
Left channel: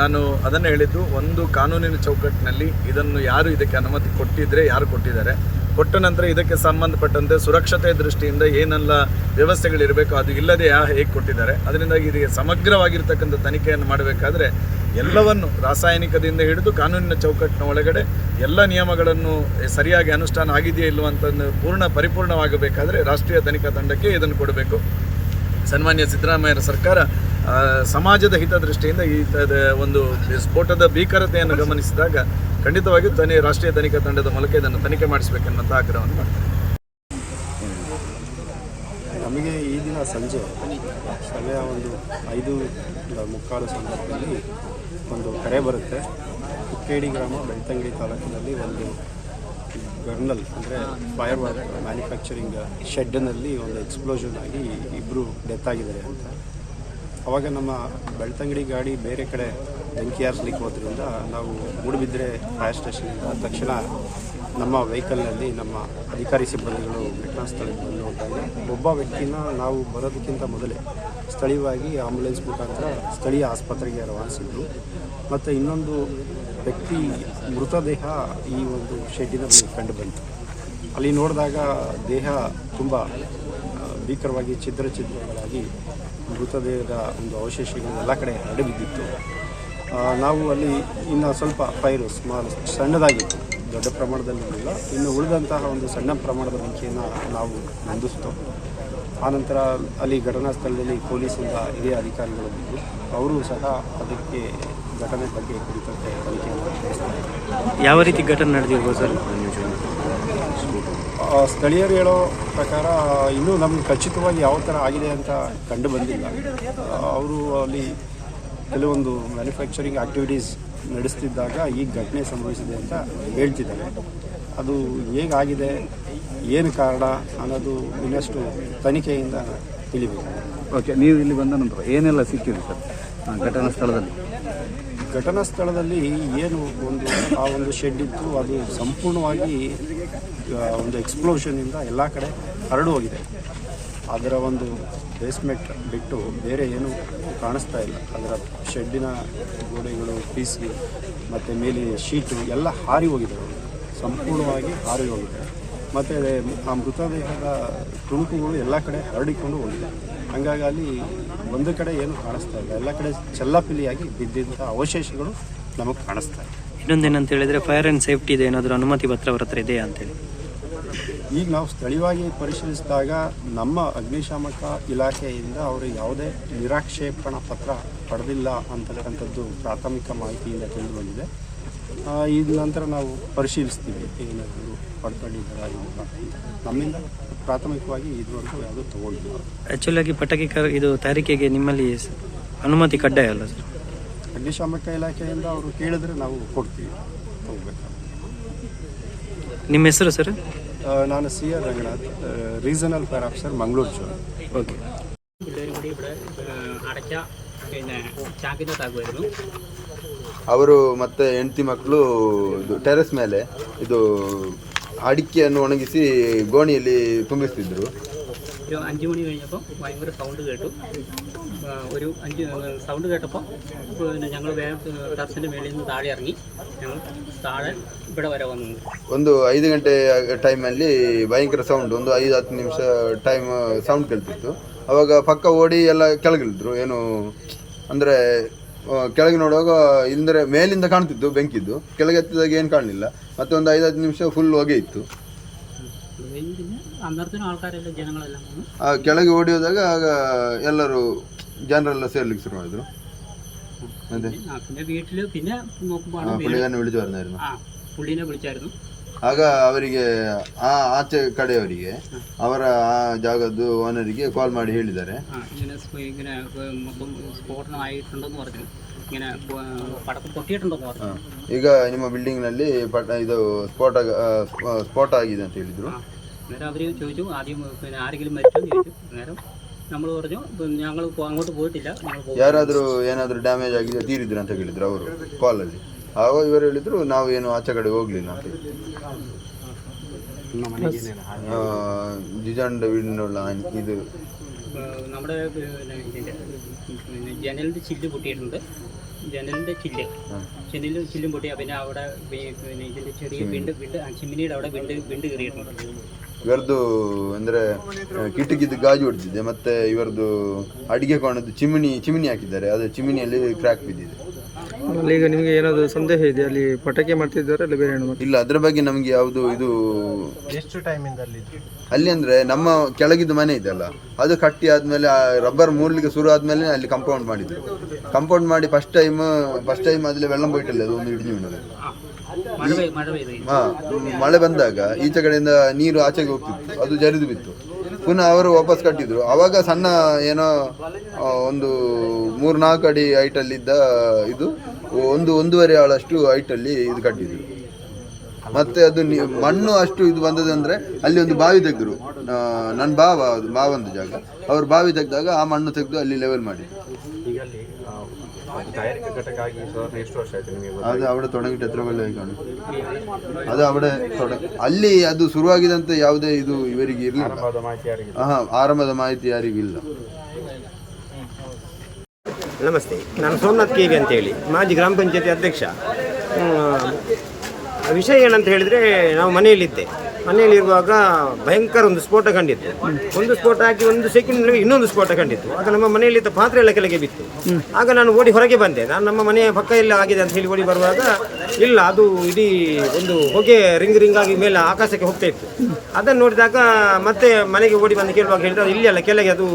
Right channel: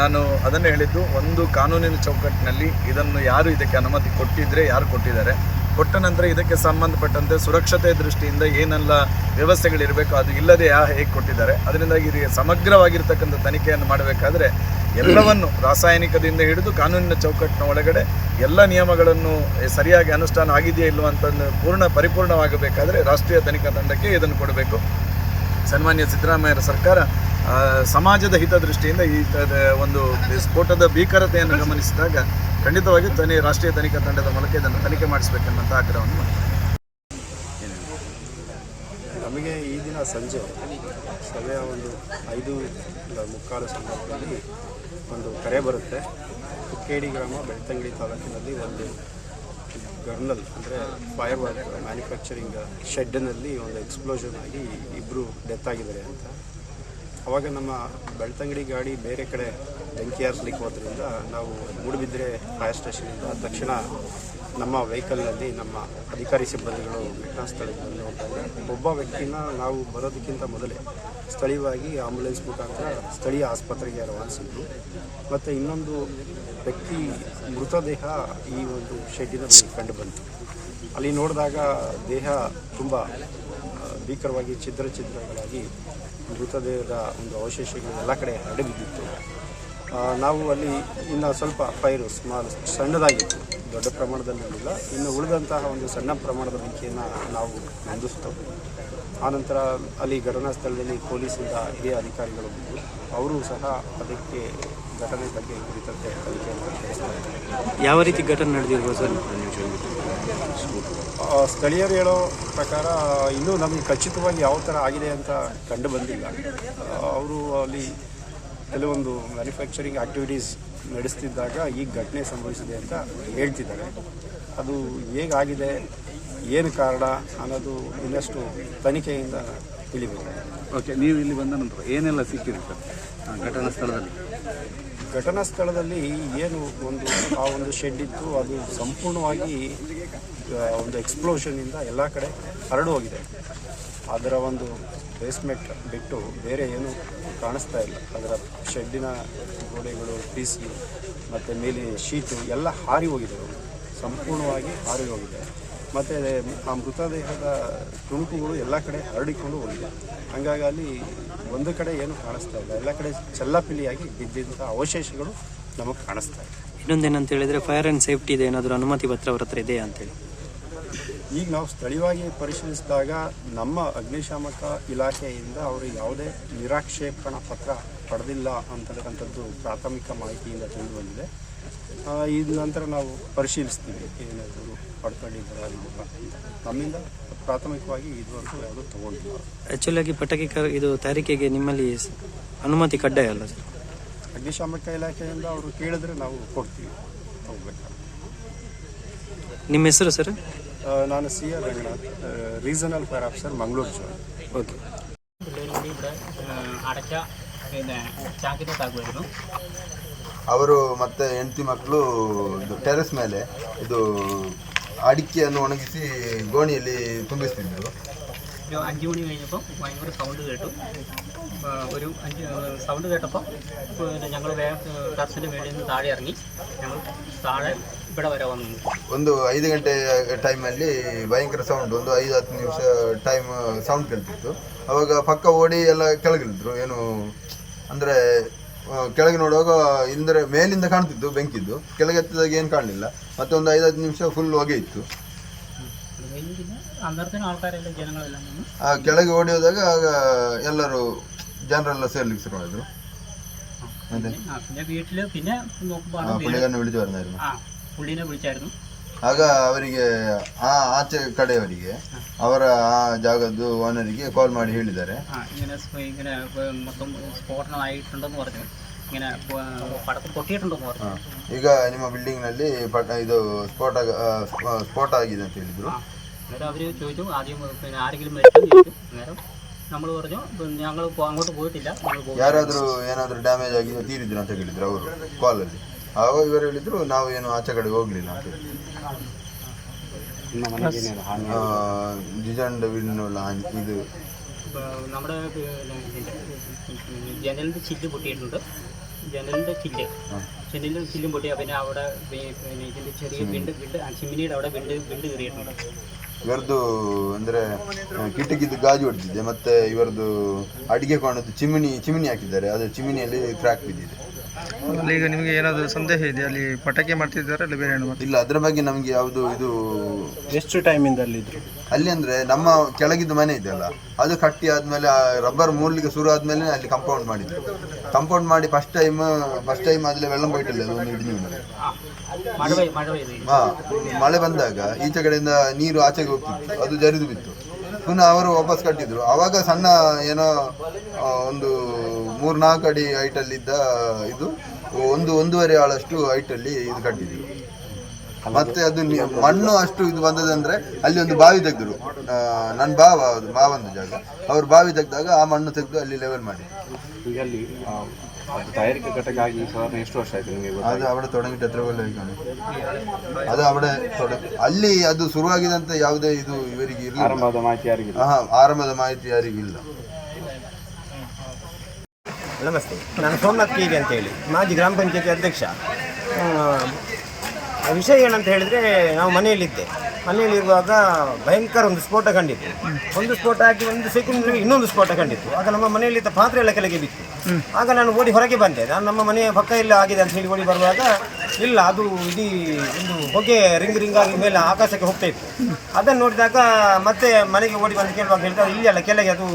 ನಾನು ಅದನ್ನು ಹೇಳಿದ್ದು, ಒಂದು ಕಾನೂನಿನ ಚೌಕಟ್ಟಿನಲ್ಲಿ ಇದನ್ನು ಯಾರು ಇದಕ್ಕೆ ಅನುಮತಿ ಕೊಟ್ಟಿದ್ರೆ ಯಾರು ಕೊಟ್ಟಿದ್ದಾರೆ? ಕೊಟ್ಟ ನಂತರ ಇದಕ್ಕೆ ಸಂಬಂಧಪಟ್ಟಂತೆ ಸುರಕ್ಷತೆ ದೃಷ್ಟಿಯಿಂದ ಏನೆಲ್ಲ ವ್ಯವಸ್ಥೆಗಳಿರಬೇಕು, ಅದು ಇಲ್ಲದೆ ಯಾ ಹೇಗೆ ಕೊಟ್ಟಿದ್ದಾರೆ? ಅದರಿಂದಾಗಿ ಇದಕ್ಕೆ ಸಮಗ್ರವಾಗಿರ್ತಕ್ಕಂಥ ತನಿಖೆಯನ್ನು ಮಾಡಬೇಕಾದ್ರೆ ಎಲ್ಲವನ್ನು ರಾಸಾಯನಿಕದಿಂದ ಹಿಡಿದು ಕಾನೂನಿನ ಚೌಕಟ್ಟಿನ ಒಳಗಡೆ ಎಲ್ಲ ನಿಯಮಗಳನ್ನು ಸರಿಯಾಗಿ ಅನುಷ್ಠಾನ ಆಗಿದೆಯೇ ಇಲ್ಲವಂತಂದು ಪೂರ್ಣ ಪರಿಪೂರ್ಣವಾಗಬೇಕಾದರೆ ರಾಷ್ಟ್ರೀಯ ತನಿಖಾ ತಂಡಕ್ಕೆ ಇದನ್ನು ಕೊಡಬೇಕು. ಸನ್ಮಾನ್ಯ ಸಿದ್ದರಾಮಯ್ಯರ ಸರ್ಕಾರ ಸಮಾಜದ ಹಿತದೃಷ್ಟಿಯಿಂದ ಈ ಒಂದು ಸ್ಫೋಟದ ಭೀಕರತೆಯನ್ನು ಗಮನಿಸಿದಾಗ ಖಂಡಿತವಾಗಿ ತನಿ, ರಾಷ್ಟ್ರೀಯ ತನಿಖಾ ತಂಡದ ಮೂಲಕ ಇದನ್ನು ತನಿಖೆ ಮಾಡಿಸಬೇಕೆನ್ನುವಂಥ ಆಗ್ರಹವನ್ನು ನಮಗೆ ಈ ದಿನ ಸಂಜೆ ಸಮಯ ಒಂದು ಐದು ಮುಕ್ಕಾಲು ಸಂದರ್ಭದಲ್ಲಿ ಒಂದು ಕರೆ ಬರುತ್ತೆ. ಕುಕ್ಕೇಡಿ ಗ್ರಾಮ, ಬೆಳ್ತಂಗಡಿ ತಾಲೂಕಿನಲ್ಲಿ ಒಂದು ಗರ್ನಲ್, ಅಂದರೆ ಫೈರ್ ವರ್ಕ್ ಮ್ಯಾನುಫ್ಯಾಕ್ಚರಿಂಗ್ ಶೆಡ್ನಲ್ಲಿ ಒಂದು ಎಕ್ಸ್ಪ್ಲೋಷನ್ ಆಗಿ ಇಬ್ಬರು ಡೆತ್ ಆಗಿದ್ದಾರೆ ಅಂತ. ಅವಾಗ ನಮ್ಮ ಬೆಳ್ತಂಗಡಿ ಗಾಡಿ ಬೇರೆ ಕಡೆ ಬೆಂಕಿ ಹಾರಿಸ್ಲಿಕ್ಕೆ ಹೋದ್ರಿಂದ ನಾವು ಮೂಡುಬಿದ್ರೆ ಫೈರ್ ಸ್ಟೇಷನಿಂದ ತಕ್ಷಣ ನಮ್ಮ ವೆಹಿಕಲ್ನಲ್ಲಿ ನಮ್ಮ ಅಧಿಕಾರಿ ಸಿಬ್ಬಂದಿಗಳು ಘಟನಾ ಸ್ಥಳಕ್ಕೆ ಬಂದು ಹೋದಾಗ ಒಬ್ಬ ವ್ಯಕ್ತಿನ ನಾವು ಬರೋದಕ್ಕಿಂತ ಮೊದಲೇ ಸ್ಥಳೀಯವಾಗಿ ಆಂಬುಲೆನ್ಸ್ ಮುಖಾಂತರ ಸ್ಥಳೀಯ ಆಸ್ಪತ್ರೆಗೆ ರವಾನಿಸಿದ್ರು. ಮತ್ತು ಇನ್ನೊಂದು ವ್ಯಕ್ತಿ ಮೃತದೇಹ ಈ ಒಂದು ಶೆಡ್ಡಿನ ಕಂಡು ಬಂತು. ಅಲ್ಲಿ ನೋಡಿದಾಗ ದೇಹ ತುಂಬ ಭೀಕರವಾಗಿ, ಛಿದ್ರ ಛಿದ್ರಗಳಾಗಿ ಮೃತದೇಹದ ಒಂದು ಅವಶೇಷಗಳು ಎಲ್ಲ ಕಡೆ ಹರಡಿ ನಾವು ಅಲ್ಲಿ ಇನ್ನು ಸ್ವಲ್ಪ ಫೈರು ಸ್ಮಾಲ್ ಸಣ್ಣದಾಗಿತ್ತು, ದೊಡ್ಡ ಪ್ರಮಾಣದಲ್ಲಿರಲಿಲ್ಲ. ಇನ್ನು ಉಳಿದಂತಹ ಒಂದು ಸಣ್ಣ ಪ್ರಮಾಣದ ಬೆಂಕಿಯನ್ನು ನಾವು ನಂದಿಸ್ತು. ಆನಂತರ ಅಲ್ಲಿ ಘಟನಾ ಸ್ಥಳದಲ್ಲಿ ಪೊಲೀಸಿಂದ ಹಿರಿಯ ಅಧಿಕಾರಿಗಳು ಬಂದರು ಅವರು ಸಹ ಅದಕ್ಕೆ ಘಟನೆ ಬಗ್ಗೆ ಕುರಿತಂತೆ ತನಿಖೆಯನ್ನು ನಡೆಸ್ತಾರೆ. ಯಾವ ರೀತಿ ಘಟನೆ ನಡೆದಿರ್ಬೋದು ಸರ್? ಸ್ಥಳೀಯರು ಹೇಳೋ ಪ್ರಕಾರ ಇನ್ನೂ ನಮಗೆ ಖಚಿತವಾಗಿ ಯಾವ ಥರ ಆಗಿದೆ ಅಂತ ಕಂಡು ಬಂದಿಲ್ಲ. ಅವರು ಅಲ್ಲಿ ಕೆಲವೊಂದು ಮ್ಯಾನುಫ್ಯಾಕ್ಚರಿಂಗ್ ಆ್ಯಕ್ಟಿವಿಟೀಸ್ ನಡೆಸ್ತಿದ್ದಾಗ ಈ ಘಟನೆ ಸಂಭವಿಸಿದೆ ಅಂತ ಹೇಳ್ತಿದ್ದಾರೆ. ಅದು ಹೇಗಾಗಿದೆ ಏನು ಕಾರಣ ಅನ್ನೋದು ಇನ್ನಷ್ಟು ತನಿಖೆಯಿಂದ ತಿಳಿಬೇಕಾಗಿದೆ ಓಕೆ ನೀವು ಇಲ್ಲಿ ಬಂದ ನಂತರ ಏನೆಲ್ಲ ಸಿಕ್ಕಿದೆ ಸರ್ ಘಟನಾ ಸ್ಥಳದಲ್ಲಿ? ಘಟನಾ ಸ್ಥಳದಲ್ಲಿ ಏನು ಒಂದು ಆ ಒಂದು ಶೆಡ್ ಇತ್ತು ಅದು ಸಂಪೂರ್ಣವಾಗಿ ಒಂದು ಎಕ್ಸ್ಪ್ಲೋಷನಿಂದ ಎಲ್ಲ ಕಡೆ ಹರಡು ಹೋಗಿದೆ. ಅದರ ಒಂದು ಬೇಸ್ಮೆಂಟ್ ಬಿಟ್ಟು ಬೇರೆ ಏನು ಕಾಣಿಸ್ತಾ ಇಲ್ಲ. ಅದರ ಶೆಡ್ಡಿನ ಗೋಡೆಗಳು ಪೀಸಿ ಮತ್ತು ಮೇಲೆ ಶೀಟು ಎಲ್ಲ ಹಾರಿ ಹೋಗಿದೆ. ಸಂಪೂರ್ಣವಾಗಿ ಹಾರಿ ಹೋಗಿದೆ. ಮತ್ತು ಆ ಮೃತದೇಹದ ತುಣುಕುಗಳು ಎಲ್ಲ ಕಡೆ ಹರಡಿಕೊಂಡು ಹೋಗಿದೆ. ಹಂಗಾಗಿ ಅಲ್ಲಿ ಒಂದು ಕಡೆ ಏನು ಕಾಣಿಸ್ತಾ ಇಲ್ಲ. ಎಲ್ಲ ಕಡೆ ಚೆಲ್ಲಾಪಿಲಿಯಾಗಿ ಬಿದ್ದಂಥ ಅವಶೇಷಗಳು ನಮಗೆ ಕಾಣಿಸ್ತಾ ಇದೆ ಇನ್ನೊಂದೇನಂತ ಹೇಳಿದ್ರೆ ಫೈರ್ ಆ್ಯಂಡ್ ಸೇಫ್ಟಿ ಇದೆ. ಏನಾದರೂ ಅನುಮತಿ ಪತ್ರ ಅವ್ರ ಹತ್ರ ಇದೆಯಾ ಅಂತೇಳಿ? ಈಗ ನಾವು ಸ್ಥಳೀಯವಾಗಿ ಪರಿಶೀಲಿಸಿದಾಗ ನಮ್ಮ ಅಗ್ನಿಶಾಮಕ ಇಲಾಖೆಯಿಂದ ಅವರು ಯಾವುದೇ ನಿರಾಕ್ಷೇಪಣಾ ಪತ್ರ ಪಡೆದಿಲ್ಲ ಅಂತಕ್ಕಂಥದ್ದು ಪ್ರಾಥಮಿಕ ಮಾಹಿತಿಯಿಂದ ತಿಳಿದು ಬಂದಿದೆ ಇದ ನಂತರ ನಾವು ಪರಿಶೀಲಿಸ್ತೀವಿ ಏನಾದರೂ ಪಡ್ಕೊಂಡಿದ್ದಾರಾ ಇಲ್ಲ ಅಂತ. ನಮ್ಮಿಂದ ಪ್ರಾಥಮಿಕವಾಗಿ ಇದುವರೆಗೂ ಯಾವುದೂ ತಗೊಂಡಿಲ್ಲ. ಆ್ಯಕ್ಚುಲಾಗಿ ಆಗಿ ಪಟಾಕಿ ಇದು ತಯಾರಿಕೆಗೆ ನಿಮ್ಮಲ್ಲಿ ಅನುಮತಿ ಕಡ್ಡಾಯ ಅಲ್ಲ ಸರ್? ಅಗ್ನಿಶಾಮಕ ಇಲಾಖೆಯಿಂದ ಅವರು ಕೇಳಿದ್ರೆ ನಾವು ಕೊಡ್ತೀವಿ ನಿಮ್ಮ ಹೆಸರು ಸರ್? ನಾನು C R Ranganath regional fire officer Mangaluru zone okay പിള്ളേർ കൂടി ഇവിടെ ഏഹ്, അടച്ച പിന്നെ ചാക്കിനകത്താക്കുമായിരുന്നു ಅವರು ಮತ್ತೆ ಹೆಂಡತಿ ಮಕ್ಕಳು ಟೆರೆಸ್ ಮೇಲೆ ಇದು ಅಡಿಕೆಯನ್ನು ಒಣಗಿಸಿ ಗೋಣಿಯಲ್ಲಿ ತುಂಬಿಸ್ತಿದ್ರು ഒരു അഞ്ച് മണി കഴിഞ്ഞപ്പോൾ ഭയങ്കര സൗണ്ട് കേട്ടു ആ, ഒരു അഞ്ച് സൗണ്ട് കേട്ടപ്പോൾ പിന്നെ ഞങ്ങൾ വേഗം ടെറസിൻ്റെ മേളിൽ നിന്ന് താഴെ ഇറങ്ങി ഞങ്ങൾ താഴെ ഇവിടെ വരെ വന്നു ಒಂದು ಐದು ಗಂಟೆ ಟೈಮಲ್ಲಿ ಭಯಂಕರ ಸೌಂಡ್ ಒಂದು ಐದು ಹತ್ತು ನಿಮಿಷ ಟೈಮ್ ಸೌಂಡ್ ಕೇಳ್ತಿತ್ತು ಅವಾಗ ಪಕ್ಕ ಓಡಿ ಎಲ್ಲ ಕೆಳಗಿಳಿದ್ರು ಏನು ಅಂದರೆ ಕೆಳಗೆ ನೋಡುವಾಗ ಇಂದ್ರೆ ಮೇಲಿಂದ ಕಾಣ್ತಿತ್ತು ಬೆಂಕಿದ್ದು ಕೆಳಗೆ ಎತ್ತಿದಾಗ ಏನು ಕಾಣಲಿಲ್ಲ ಮತ್ತೆ ಒಂದು ಐದು ಹತ್ತು ನಿಮಿಷ ಫುಲ್ ಹೊಗೆ ಇತ್ತು അത് കഴിഞ്ഞ് പിന്നെ അന്നേരത്തിന് ആൾക്കാരെല്ലാം ജനങ്ങളെല്ലാം വന്നു ಆ ಕೆಳಗೆ ಓಡಿ ಹೋದಾಗ ಆಗ ಎಲ್ಲರೂ ಜನರೆಲ್ಲ ಸೇರ್ಲಿಕ್ಕೆ ಶುರು ಮಾಡಿದ್ರು അതെ ആ പിന്നെ വീട്ടിൽ പിന്നെ നോക്കുമ്പോൾ ಆ പുള്ളിക്കാരനെ വിളിച്ചു പറഞ്ഞായിരുന്നു ആ പുള്ളീനെ വിളിച്ചായിരുന്നു ಆಗ ಅವರಿಗೆ ಆ ಆಚೆ ಕಡೆಯವರಿಗೆ ಅವರ ಆ ಜಾಗದ್ದು ಓನರಿಗೆ ಕಾಲ್ ಮಾಡಿ ಹೇಳಿದ್ದಾರೆ ആ ഇങ്ങനെ സ്പ- ഇങ്ങനെ ഏഹ്, മൊത്തം സ്ഫോടനമായിട്ടുണ്ടെന്ന് പറഞ്ഞു ഇങ്ങനെ ഏഹ്, പടക്കം പൊട്ടിയിട്ടുണ്ടെന്ന് പറഞ്ഞു ಈಗ ನಿಮ್ಮ ಬಿಲ್ಡಿಂಗ್ನಲ್ಲಿ ಪಟ ಇದು ಸ್ಫೋಟ ಆ, ಸ್ಫ- ಸ್ಫೋಟ ಆಗಿದೆ ಅಂತ ಹೇಳಿದ್ರು അന്നേരം അവർ ചോദിച്ചു ആദ്യം പിന്നെ ആരെങ്കിലും മരിച്ചോ എന്ന് ചോദിച്ചു അന്നേരം നമ്മൾ പറഞ്ഞു ഞങ്ങൾ അങ്ങോട്ട് പോയിട്ടില്ല ഞങ്ങൾ പോകും ಯಾರಾದರೂ ಏನಾದರೂ ಡ್ಯಾಮೇಜ್ ಆಗಿದೆ ತೀರಿದ್ರು ಅಂತ ಹೇಳಿದ್ರು ಅವರು ಕಾಲಲ್ಲಿ ಆವಾಗ ಇವರು ಹೇಳಿದ್ರು ನಾವು ಏನು ಆಚೆ ಕಡೆ ಹೋಗ್ಲಿಲ್ಲ ಅಂತ ಹೇಳಿ ಆ, ജിജാണ്ട് വീടിനുള്ള ആനി- ഇത് ഇപ്പൊ നമ്മുടെ പിന്നെ ഇതിൻ്റെ പിന്നെ ജനലിൻ്റെ ചില്ല് പൊട്ടിയിട്ടുണ്ട് ജനലിൻ്റെ ചില്ല് ജനലിൻ്റെ ചില്ലും പൊട്ടി പിന്നെ അവിടെ പി- പിന്നെ ഇതിൻ്റെ ചെറിയ വിണ്ട് വിണ്ട് ആ ചിമ്മിനിയുടെ അവിടെ വിണ്ട് വിണ്ട് കയറിയിട്ടുണ്ട് ಇವರದ್ದು ಅಂದ್ರೆ ಆ, ಕಿಟಕಿದು ಗಾಜು ಹೊಡೆದಿದೆ ಮತ್ತೆ ಇವರದ್ದು ಅಡಿಗೆ ಕೋಣದ್ದು ಚಿಮಿನಿ ಚಿಮಿನಿ ಹಾಕಿದ್ದಾರೆ ಅದು ಚಿಮಿನಿಯಲ್ಲಿ ಕ್ರ್ಯಾಕ್ ಬಿದ್ದಿದೆ ಈಗ ನಿಮಗೆ ಏನಾದರೂ ಸಂದೇಹ ಇದೆ ಅಲ್ಲಿ ಪಟಾಕಿ ಮಾಡ್ತಿದ್ದಾರೆ ಅಲ್ಲಿ ಬೇರೆ ಏನು ಇಲ್ಲ ಅದರ ಬಗ್ಗೆ ನಮಗೆ ಯಾವುದು ಇದು ಎಷ್ಟು ಟೈಮಿಂದ ಅಲ್ಲಿ ಅಲ್ಲಿ ಅಂದರೆ ನಮ್ಮ ಕೆಳಗಿದ್ದು ಮನೆ ಇದೆ ಅಲ್ಲ ಅದು ಕಟ್ಟಿ ಆ ರಬ್ಬರ್ ಮೂರ್ಲಿಕ್ಕೆ ಶುರು ಆದಮೇಲೆ ಅಲ್ಲಿ ಕಂಪೌಂಡ್ ಮಾಡಿದ್ರು. ಕಂಪೌಂಡ್ ಮಾಡಿ ಫಸ್ಟ್ ಟೈಮ್ ಫಸ್ಟ್ ಟೈಮ್ ಅದ್ರಲ್ಲಿ ವೆಳ್ಳಂ ಬೋಯ್ಟಲ್ಲಿ ಅದು ಒಂದು ಹಿಡಿದು ಹಾಂ ಮಳೆ ಬಂದಾಗ ಈಚೆ ಕಡೆಯಿಂದ ನೀರು ಆಚೆಗೆ ಹೋಗ್ತಿತ್ತು ಅದು ಜರಿದು ಬಿತ್ತು. ಪುನಃ ಅವರು ವಾಪಸ್ ಕಟ್ಟಿದ್ರು. ಆವಾಗ ಸಣ್ಣ ಏನೋ ಒಂದು ಮೂರ್ನಾಲ್ಕು ಅಡಿ ಹೈಟಲ್ಲಿದ್ದ ಇದು ಒಂದು ಒಂದೂವರೆ ಆಳಷ್ಟು ಹೈಟಲ್ಲಿ ಇದು ಕಟ್ಟಿದ್ರು. ಮತ್ತೆ ಅದು ಮಣ್ಣು ಅಷ್ಟು ಇದು ಬಂದದಂದ್ರೆ ಅಲ್ಲಿ ಒಂದು ಬಾವಿ ತೆಗೆದ್ರು. ನನ್ನ ಬಾವ ಅದು ಮಾವಂದು ಜಾಗ. ಅವ್ರು ಬಾವಿ ತೆಗೆದಾಗ ಆ ಮಣ್ಣು ತೆಗೆದು ಅಲ್ಲಿ ಲೆವೆಲ್ ಮಾಡಿ ಅದು ಅವಡೆ ತೊಡಗಿಟ್ಟು ಹತ್ರ ಬೆಲ್ಲ ಹೋಯ್ಕೊಂಡು ಅದು ಅವಡೆ ತೊಡ ಅಲ್ಲಿ ಅದು ಶುರುವಾಗಿದಂತ ಯಾವುದೇ ಇದು ಇವರಿಗೆ ಇರಲಿಲ್ಲ. ಆರಂಭದ ಮಾಹಿತಿ ಯಾರಿಗೂ ಇಲ್ಲ. ನಮಸ್ತೆ. ನಾನು ಸೋಮನಾಥ್ ಕೆ ವಿ ಅಂತೇಳಿ, ಮಾಜಿ ಗ್ರಾಮ ಪಂಚಾಯತಿ ಅಧ್ಯಕ್ಷ. ವಿಷಯ ಏನಂತ ಹೇಳಿದರೆ ನಾವು ಮನೆಯಲ್ಲಿದ್ದೆ. ಮನೆಯಲ್ಲಿರುವಾಗ ಭಯಂಕರ ಒಂದು ಸ್ಫೋಟ ಕಂಡಿತ್ತು. ಒಂದು ಸ್ಫೋಟ ಹಾಕಿ ಒಂದು ಸೆಕೆಂಡ್ ಇನ್ನೊಂದು ಸ್ಫೋಟ ಕಂಡಿತ್ತು. ಆಗ ನಮ್ಮ ಮನೆಯಲ್ಲಿದ್ದ ಪಾತ್ರೆ ಎಲ್ಲ ಕೆಳಗೆ ಬಿತ್ತು. ಆಗ ನಾನು ಓಡಿ ಹೊರಗೆ ಬಂದೆ. ನಾನು ನಮ್ಮ ಮನೆಯ ಪಕ್ಕ ಎಲ್ಲ ಆಗಿದೆ ಅಂತ ಹೇಳಿ ಓಡಿ ಬರುವಾಗ ಇಲ್ಲ ಅದು ಇಡೀ ಒಂದು ಹೊಗೆ ರಿಂಗ್ ರಿಂಗ್ ಆಗಿ ಮೇಲೆ ಆಕಾಶಕ್ಕೆ ಹೋಗ್ತಾ ಇತ್ತು. ಅದನ್ನು ನೋಡಿದಾಗ ಮತ್ತೆ ಮನೆಗೆ ಓಡಿ ಬಂದು ಕೇಳುವಾಗ ಹೇಳಿದ್ರೆ ಇಲ್ಲಿ ಅಲ್ಲ ಕೆಳಗೆ ಅದು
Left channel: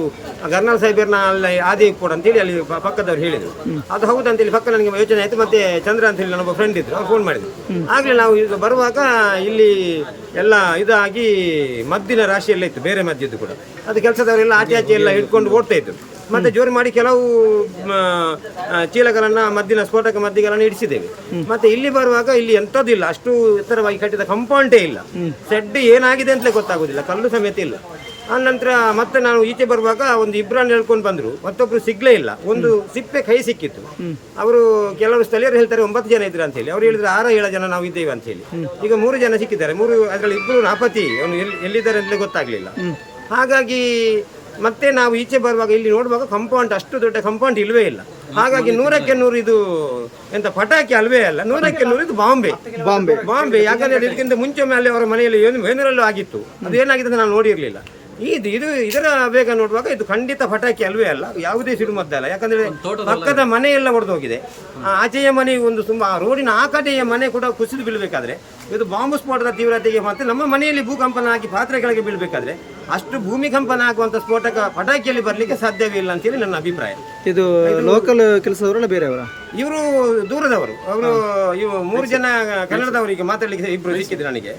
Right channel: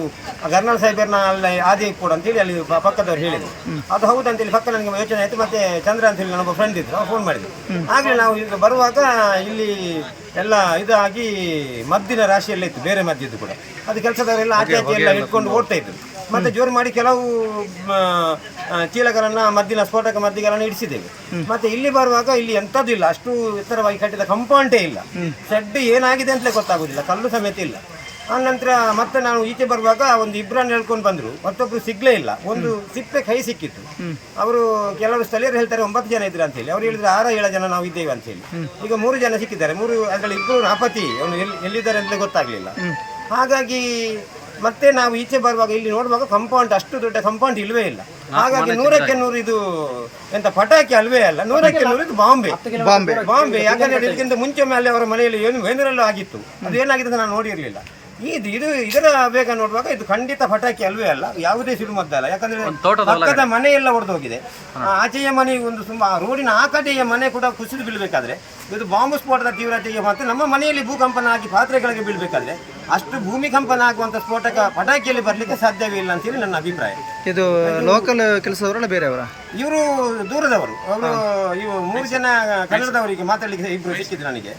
ಗರ್ನಾಲ್ ಸಾಹೇಬರ್ನ ಅಲ್ಲ ಆದಿ ಕೂಡ ಅಂತೇಳಿ ಅಲ್ಲಿ ಪಕ್ಕದವ್ರು ಹೇಳಿದ್ರು. ಅದು ಹೌದು ಅಂತೇಳಿ ಪಕ್ಕ ನನಗೆ ಯೋಚನೆ ಆಯಿತು. ಮತ್ತೆ ಚಂದ್ರ ಅಂತ ಹೇಳಿ ನನ್ನೊಬ್ಬ ಫ್ರೆಂಡ್ ಇದ್ರು. ಅವ್ರು ಫೋನ್ ಮಾಡಿದ್ರು. ಆಗಲೇ ನಾವು ಈಗ ಬರುವಾಗ ಇಲ್ಲಿ ಎಲ್ಲ ಇದಾಗಿ ಮದ್ದಿನ ರಾಶಿಯೆಲ್ಲ ಇತ್ತು ಬೇರೆ ಮದ್ದಿದ್ದು ಕೂಡ. ಅದು ಕೆಲಸದವರೆಲ್ಲ ಆಚೆ ಆಚೆ ಎಲ್ಲ ಹಿಡ್ಕೊಂಡು ಓಡ್ತಾ ಇದ್ದರು ಮತ್ತೆ ಜೋರು ಮಾಡಿ ಕೆಲವು ಚೀಲಗಳನ್ನು ಚೀಲಗಳನ್ನ ಮದ್ದಿನ ಸ್ಫೋಟಕ ಮದ್ದಿಗಳನ್ನು ಇಡಿಸಿದ್ದೇವೆ. ಮತ್ತೆ ಇಲ್ಲಿ ಬರುವಾಗ ಇಲ್ಲಿ ಎಂಥದ್ದು ಇಲ್ಲ. ಅಷ್ಟು ಎತ್ತರವಾಗಿ ಕಟ್ಟಿದ ಕಂಪೌಂಡೇ ಇಲ್ಲ. ಸೆಡ್ ಏನಾಗಿದೆ ಅಂತಲೇ ಗೊತ್ತಾಗೋದಿಲ್ಲ. ಕಲ್ಲು ಸಮೇತ ಇಲ್ಲ. ಆ ನಂತರ ಮತ್ತೆ ನಾನು ಈಚೆ ಬರುವಾಗ ಒಂದು ಇಬ್ಬರನ್ನು ಹೇಳ್ಕೊಂಡು ಬಂದ್ರು. ಮತ್ತೊಬ್ರು ಸಿಗ್ಲೇ ಇಲ್ಲ. ಒಂದು ಸಿಪ್ಪೆ ಕೈ ಸಿಕ್ಕಿತ್ತು. ಅವರು ಕೆಲವರು ಸ್ಥಳೀಯರು ಹೇಳ್ತಾರೆ ಒಂಬತ್ತು ಜನ ಇದ್ರು ಅಂತ ಹೇಳಿ ಅವ್ರು ಹೇಳಿದ್ರೆ ಆರ ಏಳು ಜನ ನಾವು ಇದ್ದೇವೆ ಅಂತ ಹೇಳಿ ಈಗ ಮೂರು ಜನ ಸಿಕ್ಕಿದ್ದಾರೆ. ಮೂರು ಅದರಲ್ಲಿ ಇಬ್ಬರು ನಾಪತಿ ಅವನು ಎಲ್ಲಿ ಎಲ್ಲಿದ್ದಾರೆ ಅಂತಲೇ ಗೊತ್ತಾಗ್ಲಿಲ್ಲ. ಹಾಗಾಗಿ ಮತ್ತೆ ನಾವು ಈಚೆ ಬರುವಾಗ ಇಲ್ಲಿ ನೋಡುವಾಗ ಕಂಪೌಂಡ್ ಅಷ್ಟು ದೊಡ್ಡ ಕಂಪೌಂಡ್ ಇಲ್ವೇ ಇಲ್ಲ. ಹಾಗಾಗಿ ನೂರಕ್ಕೆ ನೂರು ಇದು ಎಂತ ಪಟಾಕಿ ಅಲ್ವೇ ಅಲ್ಲ ನೂರಕ್ಕೆ ನೂರು ಇದು ಬಾಂಬೆ. ಬಾಂಬೆ. ಬಾಂಬೆ. ಯಾಕಂದ್ರೆ ಇದಕ್ಕಿಂತ ಮುಂಚೆ ಮೇಲೆ ಅವರ ಮನೆಯಲ್ಲಿ ಏನು ವೇನರಲ್ಲೂ ಆಗಿತ್ತು. ಅದು ಏನಾಗಿದೆ ಅಂತ ನಾನು ನೋಡಿರಲಿಲ್ಲ. ಇದು ಇದು ಇದರ ಬೇಗ ನೋಡುವಾಗ ಇದು ಖಂಡಿತ ಪಟಾಕಿ ಅಲ್ವೇ ಅಲ್ಲ ಯಾವುದೇ ಸಿಡುಮದ್ದಲ್ಲ ಯಾಕಂದ್ರೆ ಪಕ್ಕದ ಮನೆ ಎಲ್ಲ ಒಡೆದೋಗಿದೆ. ಆಚೆಯ ಮನೆ ಒಂದು ತುಂಬಾ ರೋಡಿನ ಆ ಕಡೆಯ ಮನೆ ಕೂಡ ಕುಸಿದು ಬೀಳಬೇಕಾದ್ರೆ ಇದು ಬಾಂಬ್ ಸ್ಫೋಟದ ತೀವ್ರತೆಗೆ ಮತ್ತೆ ನಮ್ಮ ಮನೆಯಲ್ಲಿ ಭೂಕಂಪನ ಆಗಿ ಪಾತ್ರೆಗಳಿಗೆ ಬೀಳಬೇಕಾದ್ರೆ ಅಷ್ಟು ಭೂಮಿಕಂಪನ ಆಗುವಂತ ಸ್ಫೋಟಕ ಪಟಾಕಿಯಲ್ಲಿ ಬರಲಿಕ್ಕೆ ಸಾಧ್ಯವೇ ಇಲ್ಲ ಅಂತೇಳಿ ನನ್ನ ಅಭಿಪ್ರಾಯ. ಇದು ಲೋಕಲ್ ಕೆಲಸದವರಲ್ಲ ಬೇರೆಯವರ ಇವರು ದೂರದವರು. ಅವರು ಇವು ಮೂರು ಜನ ಕನ್ನಡದವರಿಗೆ ಮಾತಾಡ್ಲಿಕ್ಕೆ ಇಬ್ರು ಸಿಕ್ಕಿದ್ರು ನನಗೆ.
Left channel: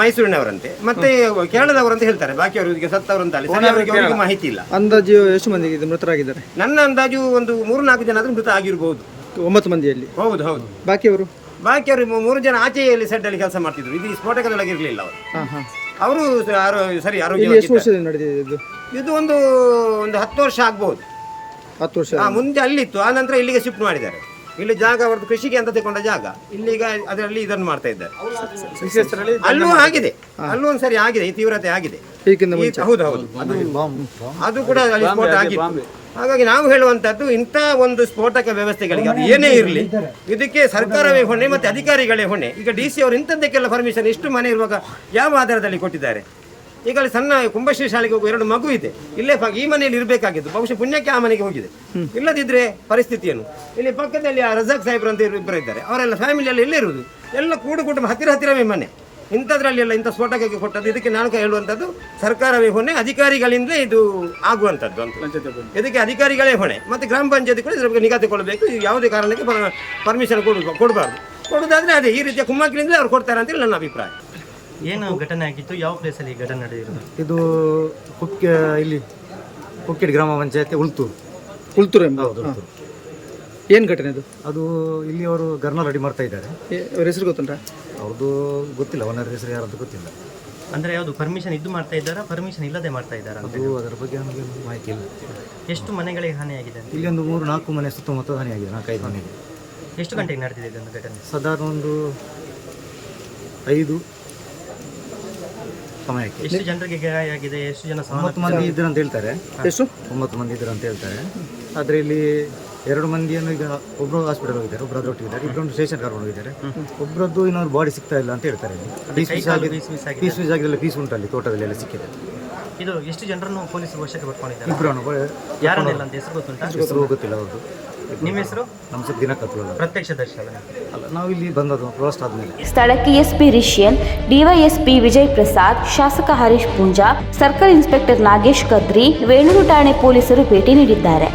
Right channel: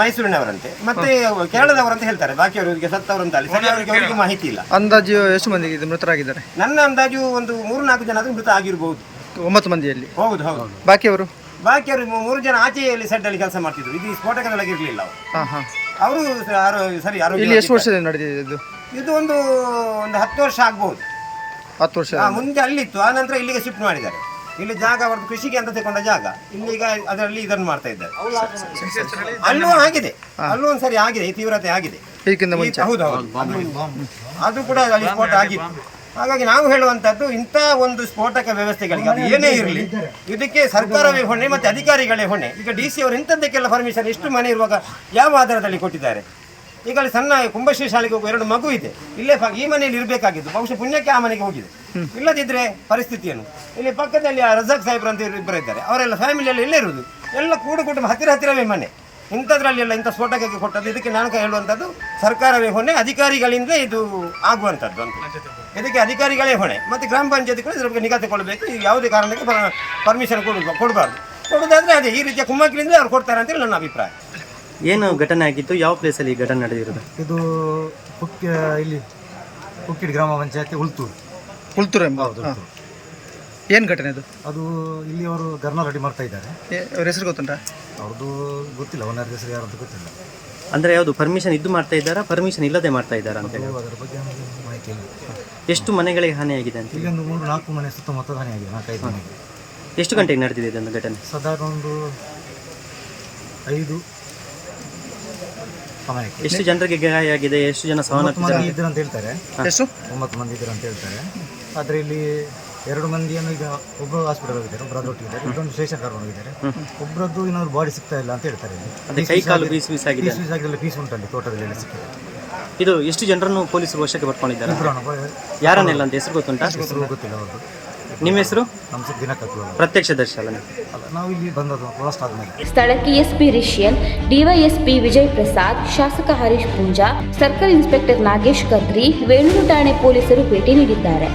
ಮೈಸೂರಿನವರಂತೆ. ಮತ್ತೆ ಕೇರಳದವರು ಅಂತ ಹೇಳ್ತಾರೆ. ಬಾಕಿಯವರಿಗೆ ಸತ್ತವರು ಅಂತ ಅಲ್ಲಿ. ಸರಿ ಅವರಿಗೆ ಅವರಿಗೆ ಮಾಹಿತಿ ಇಲ್ಲ. ಅಂದಾಜು ಎಷ್ಟು ಮಂದಿ ಇದು ಮೃತರಾಗಿದ್ದಾರೆ? ನನ್ನ ಅಂದಾಜು ಒಂದು ಮೂರು ನಾಲ್ಕು ಜನ ಆದ್ರೂ ಮೃತ ಆಗಿರಬಹುದು ಒಂಬತ್ತು ಮಂದಿಯಲ್ಲಿ? ಹೌದು ಹೌದು. ಬಾಕಿಯವರು? ಬಾಕಿಯವರು ಮೂರು ಜನ ಆಚೆಯಲ್ಲಿ ಸೆಡ್ ಅಲ್ಲಿ ಕೆಲಸ ಮಾಡ್ತಿದ್ರು. ಇದು ಸ್ಫೋಟಕದೊಳಗೆ ಇರಲಿಲ್ಲ ಅವರು. ಅವರು ಸರಿ ಆರೋಗ್ಯ ಎಷ್ಟು ವರ್ಷದಲ್ಲಿ ವರ್ಷದಿಂದ ನಡೆದಿದೆ ಇದು? ಇದು ಒಂದು ಒಂದು ಹತ್ತು ವರ್ಷ ಆಗ್ಬಹುದು ಹತ್ತು ವರ್ಷ ಆ, ಮುಂದೆ ಅಲ್ಲಿತ್ತು. ಆ ನಂತರ ಇಲ್ಲಿಗೆ ಶಿಫ್ಟ್ ಮಾಡಿದ್ದಾರೆ. ಇಲ್ಲಿ ಜಾಗ ಅವರದ್ದು ಕೃಷಿಗೆ ಅಂತ ತಗೊಂಡ ಜಾಗ. ಇಲ್ಲಿಗ ಅದರಲ್ಲಿ ಇದನ್ನು ಮಾಡ್ತಾ ಇದ್ದಾರೆ. ಅಲ್ಲೂ ಆಗಿದೆ. ಅಲ್ಲೂ ಒಂದ್ಸರಿ ಆಗಿದೆ. ಈ ತೀವ್ರತೆ ಆಗಿದೆ. ಇದಕ್ಕಿಂತ ಈ- ಹೌದು ಹೌದು. ಅದು ಅದು ಕೂಡ ಅಲ್ಲಿ ಸ್ಫೋಟ ಆಗಿತ್ತು. ಹಾಗಾಗಿ ನಾವು ಹೇಳುವಂತದ್ದು ಇಂಥ ಒಂದು ಸ್ಫೋಟಕ ವ್ಯವಸ್ಥೆಗಳಿಗೆ ಅದು ಏನೇ ಇರಲಿ ಇದಕ್ಕೆ ಸರ್ಕಾರವೇ ಹೊಣೆ ಮತ್ತೆ ಅಧಿಕಾರಿಗಳೇ ಹೊಣೆ. ಈಗ ಡಿ ಸಿ ಅವರು ಇಂಥದ್ದಕ್ಕೆಲ್ಲ ಪರ್ಮಿಷನ್ ಎಷ್ಟು ಮನೆ ಇರುವಾಗ ಯಾವ ಆಧಾರದಲ್ಲಿ ಕೊಟ್ಟಿದ್ದಾರೆ? ಈಗ ಅಲ್ಲಿ ಸಣ್ಣ ಕುಂಭಶ್ರೀ ಶಾಲೆಗೆ ಹೋಗುವ ಎರಡು ಮಗು ಇದೆ. ಇಲ್ಲೇ ಪ- ಈ ಮನೆಯಲ್ಲಿ ಇರಬೇಕಾಗಿದ್ದು. ಬಹುಶಃ ಪುಣ್ಯಕ್ಕೆ ಆ ಮನೆಗೆ ಹೋಗಿದೆ. ಇಲ್ಲದಿದ್ರೆ ಪರಿಸ್ಥಿತಿಯನ್ನು. ಇಲ್ಲಿ ಪಕ್ಕದಲ್ಲಿ ಆ ರಜಾಕ್ ಸಾಹೇಬ್ರು ಅಂತ ಇಬ್ಬರು ಇದ್ದಾರೆ. ಅವರೆಲ್ಲ ಫ್ಯಾಮಿಲಿಯಲ್ಲಿ ಎಲ್ಲೇ ಇರುವುದು. ಎಲ್ಲ ಕೂಡು ಕುಟುಂಬ ಹತ್ತಿರ ಹತ್ತಿರವೇ ಮನೆ. ಇಂಥದ್ರಲ್ಲಿ ಎಲ್ಲ ಇಂಥ ಸ್ಫೋಟಕಕ್ಕೆ ಕೊಟ್ಟದ್ದು. ಇದಕ್ಕೆ ನಾನು ಹೇಳುವಂಥದ್ದು ಸರ್ಕಾರವೇ ಹೊಣೆ ಅಧಿಕಾರಿಗಳಿಂದ ಇದು ಆಗುವಂಥದ್ದು ಅಂತ. ಇದಕ್ಕೆ ಅಧಿಕಾರಿಗಳೇ ಹೊಣೆ. ಮತ್ತು ಗ್ರಾಮ ಪಂಚಾಯತಿ ಕೂಡ ಇದ್ರ ಬಗ್ಗೆ ನಿಗಾ ತಗೊಳ್ಬೇಕು. ಇದು ಯಾವುದೇ ಕಾರಣಕ್ಕೆ ಪರ್ಮಿಷನ್ ಕೊಡ ಕೊಡಬಾರ್ದು. ಕೊಡೋದಾದರೆ ಅದೇ ಈ ರೀತಿಯ ಕುಮ್ಮಕ್ಕಿನಿಂದಲೇ ಅವ್ರು ಕೊಡ್ತಾರೆ ಅಂತೇಳಿ ನನ್ನ ಅಭಿಪ್ರಾಯ. ಏನು ಘಟನೆ ಆಗಿತ್ತು ಯಾವ ಪ್ಲೇಸಲ್ಲಿ ಈ ಘಟನೆ ನಡೆದಿರೋದು? ಇದು ಕುಕ್ಕೆ ಇಲ್ಲಿ ಕುಕ್ಕಿಡ್ ಗ್ರಾಮ ಪಂಚಾಯತಿ ಉಳ್ತೂರು ಉಳ್ತೂರು ಎಂಬ ಹೌದು ಉಳ್ತೂರು. ಏನು ಘಟನೆ ಅದು ಅದು ಇಲ್ಲಿ ಅವರು ಗರ್ನಲ್ ರೆಡಿ ಮಾಡ್ತಾ ಇದ್ದಾರೆ. ಏ- ಅವ್ರ ಹೆಸರು ಗೊತ್ತುಂಟ? ಅವ್ರದ್ದು ಗೊತ್ತಿಲ್ಲ ಓನರ್ ಹೆಸರು ಯಾರಂತ ಗೊತ್ತಿಲ್ಲ. ಅಂದರೆ ಯಾವುದು ಪರ್ಮಿಷನ್ ಇದ್ದು ಮಾಡ್ತಾ ಇದ್ದಾರಾ? ಪರ್ಮಿಷನ್ ಇಲ್ಲದೆ ಮಾಡ್ತಾ ಇದ್ದಾರಾ ಅಂತ? ಅದು ಅದರ ಬಗ್ಗೆ ನನಗೆ ಮಾಹಿತಿ ಇಲ್ಲ. ಎಷ್ಟು ಮನೆಗಳಿಗೆ ಹಾನಿಯಾಗಿದೆ ಅಂತ? ಇಲ್ಲಿ ಒಂದು ಮೂರು ನಾಲ್ಕು ಮನೆ ಸುತ್ತಮುತ್ತ ಹಾನಿಯಾಗಿದೆ ನಾಲ್ಕೈದು ಮನೆಗೆ. ಎಷ್ಟು ಗಂಟೆಗೆ ನಡೆದಿದೆ ಇದೊಂದು ಘಟನೆ? ಸಾಧಾರಣ ಒಂದು ಐದು ಸಮಯಕ್ಕೆ ಎಷ್ಟು ಜನರಿಗೆ ಗಾಯ ಆಗಿದೆ ಎಷ್ಟು ಜನ ಒಂಬತ್ತು ಮಂದಿ ಇದ್ರು ಅಂತ ಹೇಳ್ತಾರೆ. ಎಷ್ಟು? ಒಂಬತ್ತು ಮಂದಿ ಇದ್ರು ಅಂತ ಹೇಳ್ತಾರೆ. ಆದರೆ ಇಲ್ಲಿ ಎರಡು ಮಂದಿಯನ್ನು ಈಗ ಒಬ್ಬರು ಹಾಸ್ಪಿಟಲ್ ಹೋಗಿದ್ದಾರೆ ಒಬ್ಬರು ಒಟ್ಟಿದ್ದಾರೆ ಇನ್ನೊಂದು ಸ್ಟೇಷನ್ ಕರ್ಕೊಂಡು ಹೋಗಿದ್ದಾರೆ. ಒಬ್ಬರದ್ದು ಇನ್ನೊಂದು ಬಾಡಿ ಸಿಗ್ತಾ ಇಲ್ಲ ಅಂತ ಹೇಳ್ತಾರೆ ಪೀಸ್ ಮಿಸ್ ಆಗಿ ಪೀಸ್ ಉಂಟು ಆಗಿದೆ. ಪೀಸ್ ಉಂಟಲ್ಲಿ ತೋಟದಲ್ಲಿ ಎಲ್ಲ ಸಿಕ್ಕಿದೆ. ಇದು ಎಷ್ಟು ಜನರನ್ನು ಪೊಲೀಸ್ ವಶಕ್ಕೆ ಪಡ್ಕೊಂಡಿದ್ದಾರೆ? ಇಬ್ಬರು ಯಾರನ್ನೆಲ್ಲ ಅಂತ ಹೆಸರು ಗೊತ್ತುಂಟು? ಹೆಸರು ಗೊತ್ತಿಲ್ಲ ಅವ್ರದ್ದು ನಿಮ್ಮ ಹೆಸರು? ನಮ್ಮ ಹೆಸರು ದಿನ ಅಲ್ಲ ಪ್ರತ್ಯಕ್ಷ ದರ್ಶನ. ಅಲ್ಲ ನಾವು ಇಲ್ಲಿ ಬಂದದ್ದು ಫಸ್ಟ್ ಆದ್ಮೇಲೆ ಸ್ಥಳಕ್ಕೆ ಎಸ್ಪಿ ರಿಷಿಯನ್ ಡಿವೈಎಸ್ಪಿ ವಿಜಯ್ ಪ್ರಸಾದ್ ಶಾಸಕ ಹರೀಶ್ ಪೂಂಜಾ ಸರ್ಕಲ್ ಇನ್ಸ್ಪೆಕ್ಟರ್ ನಾಗೇಶ್ ಕದ್ರಿ ವೇಣೂರು ಠಾಣೆ ಪೊಲೀಸರು ಭೇಟಿ ನೀಡಿದ್ದಾರೆ.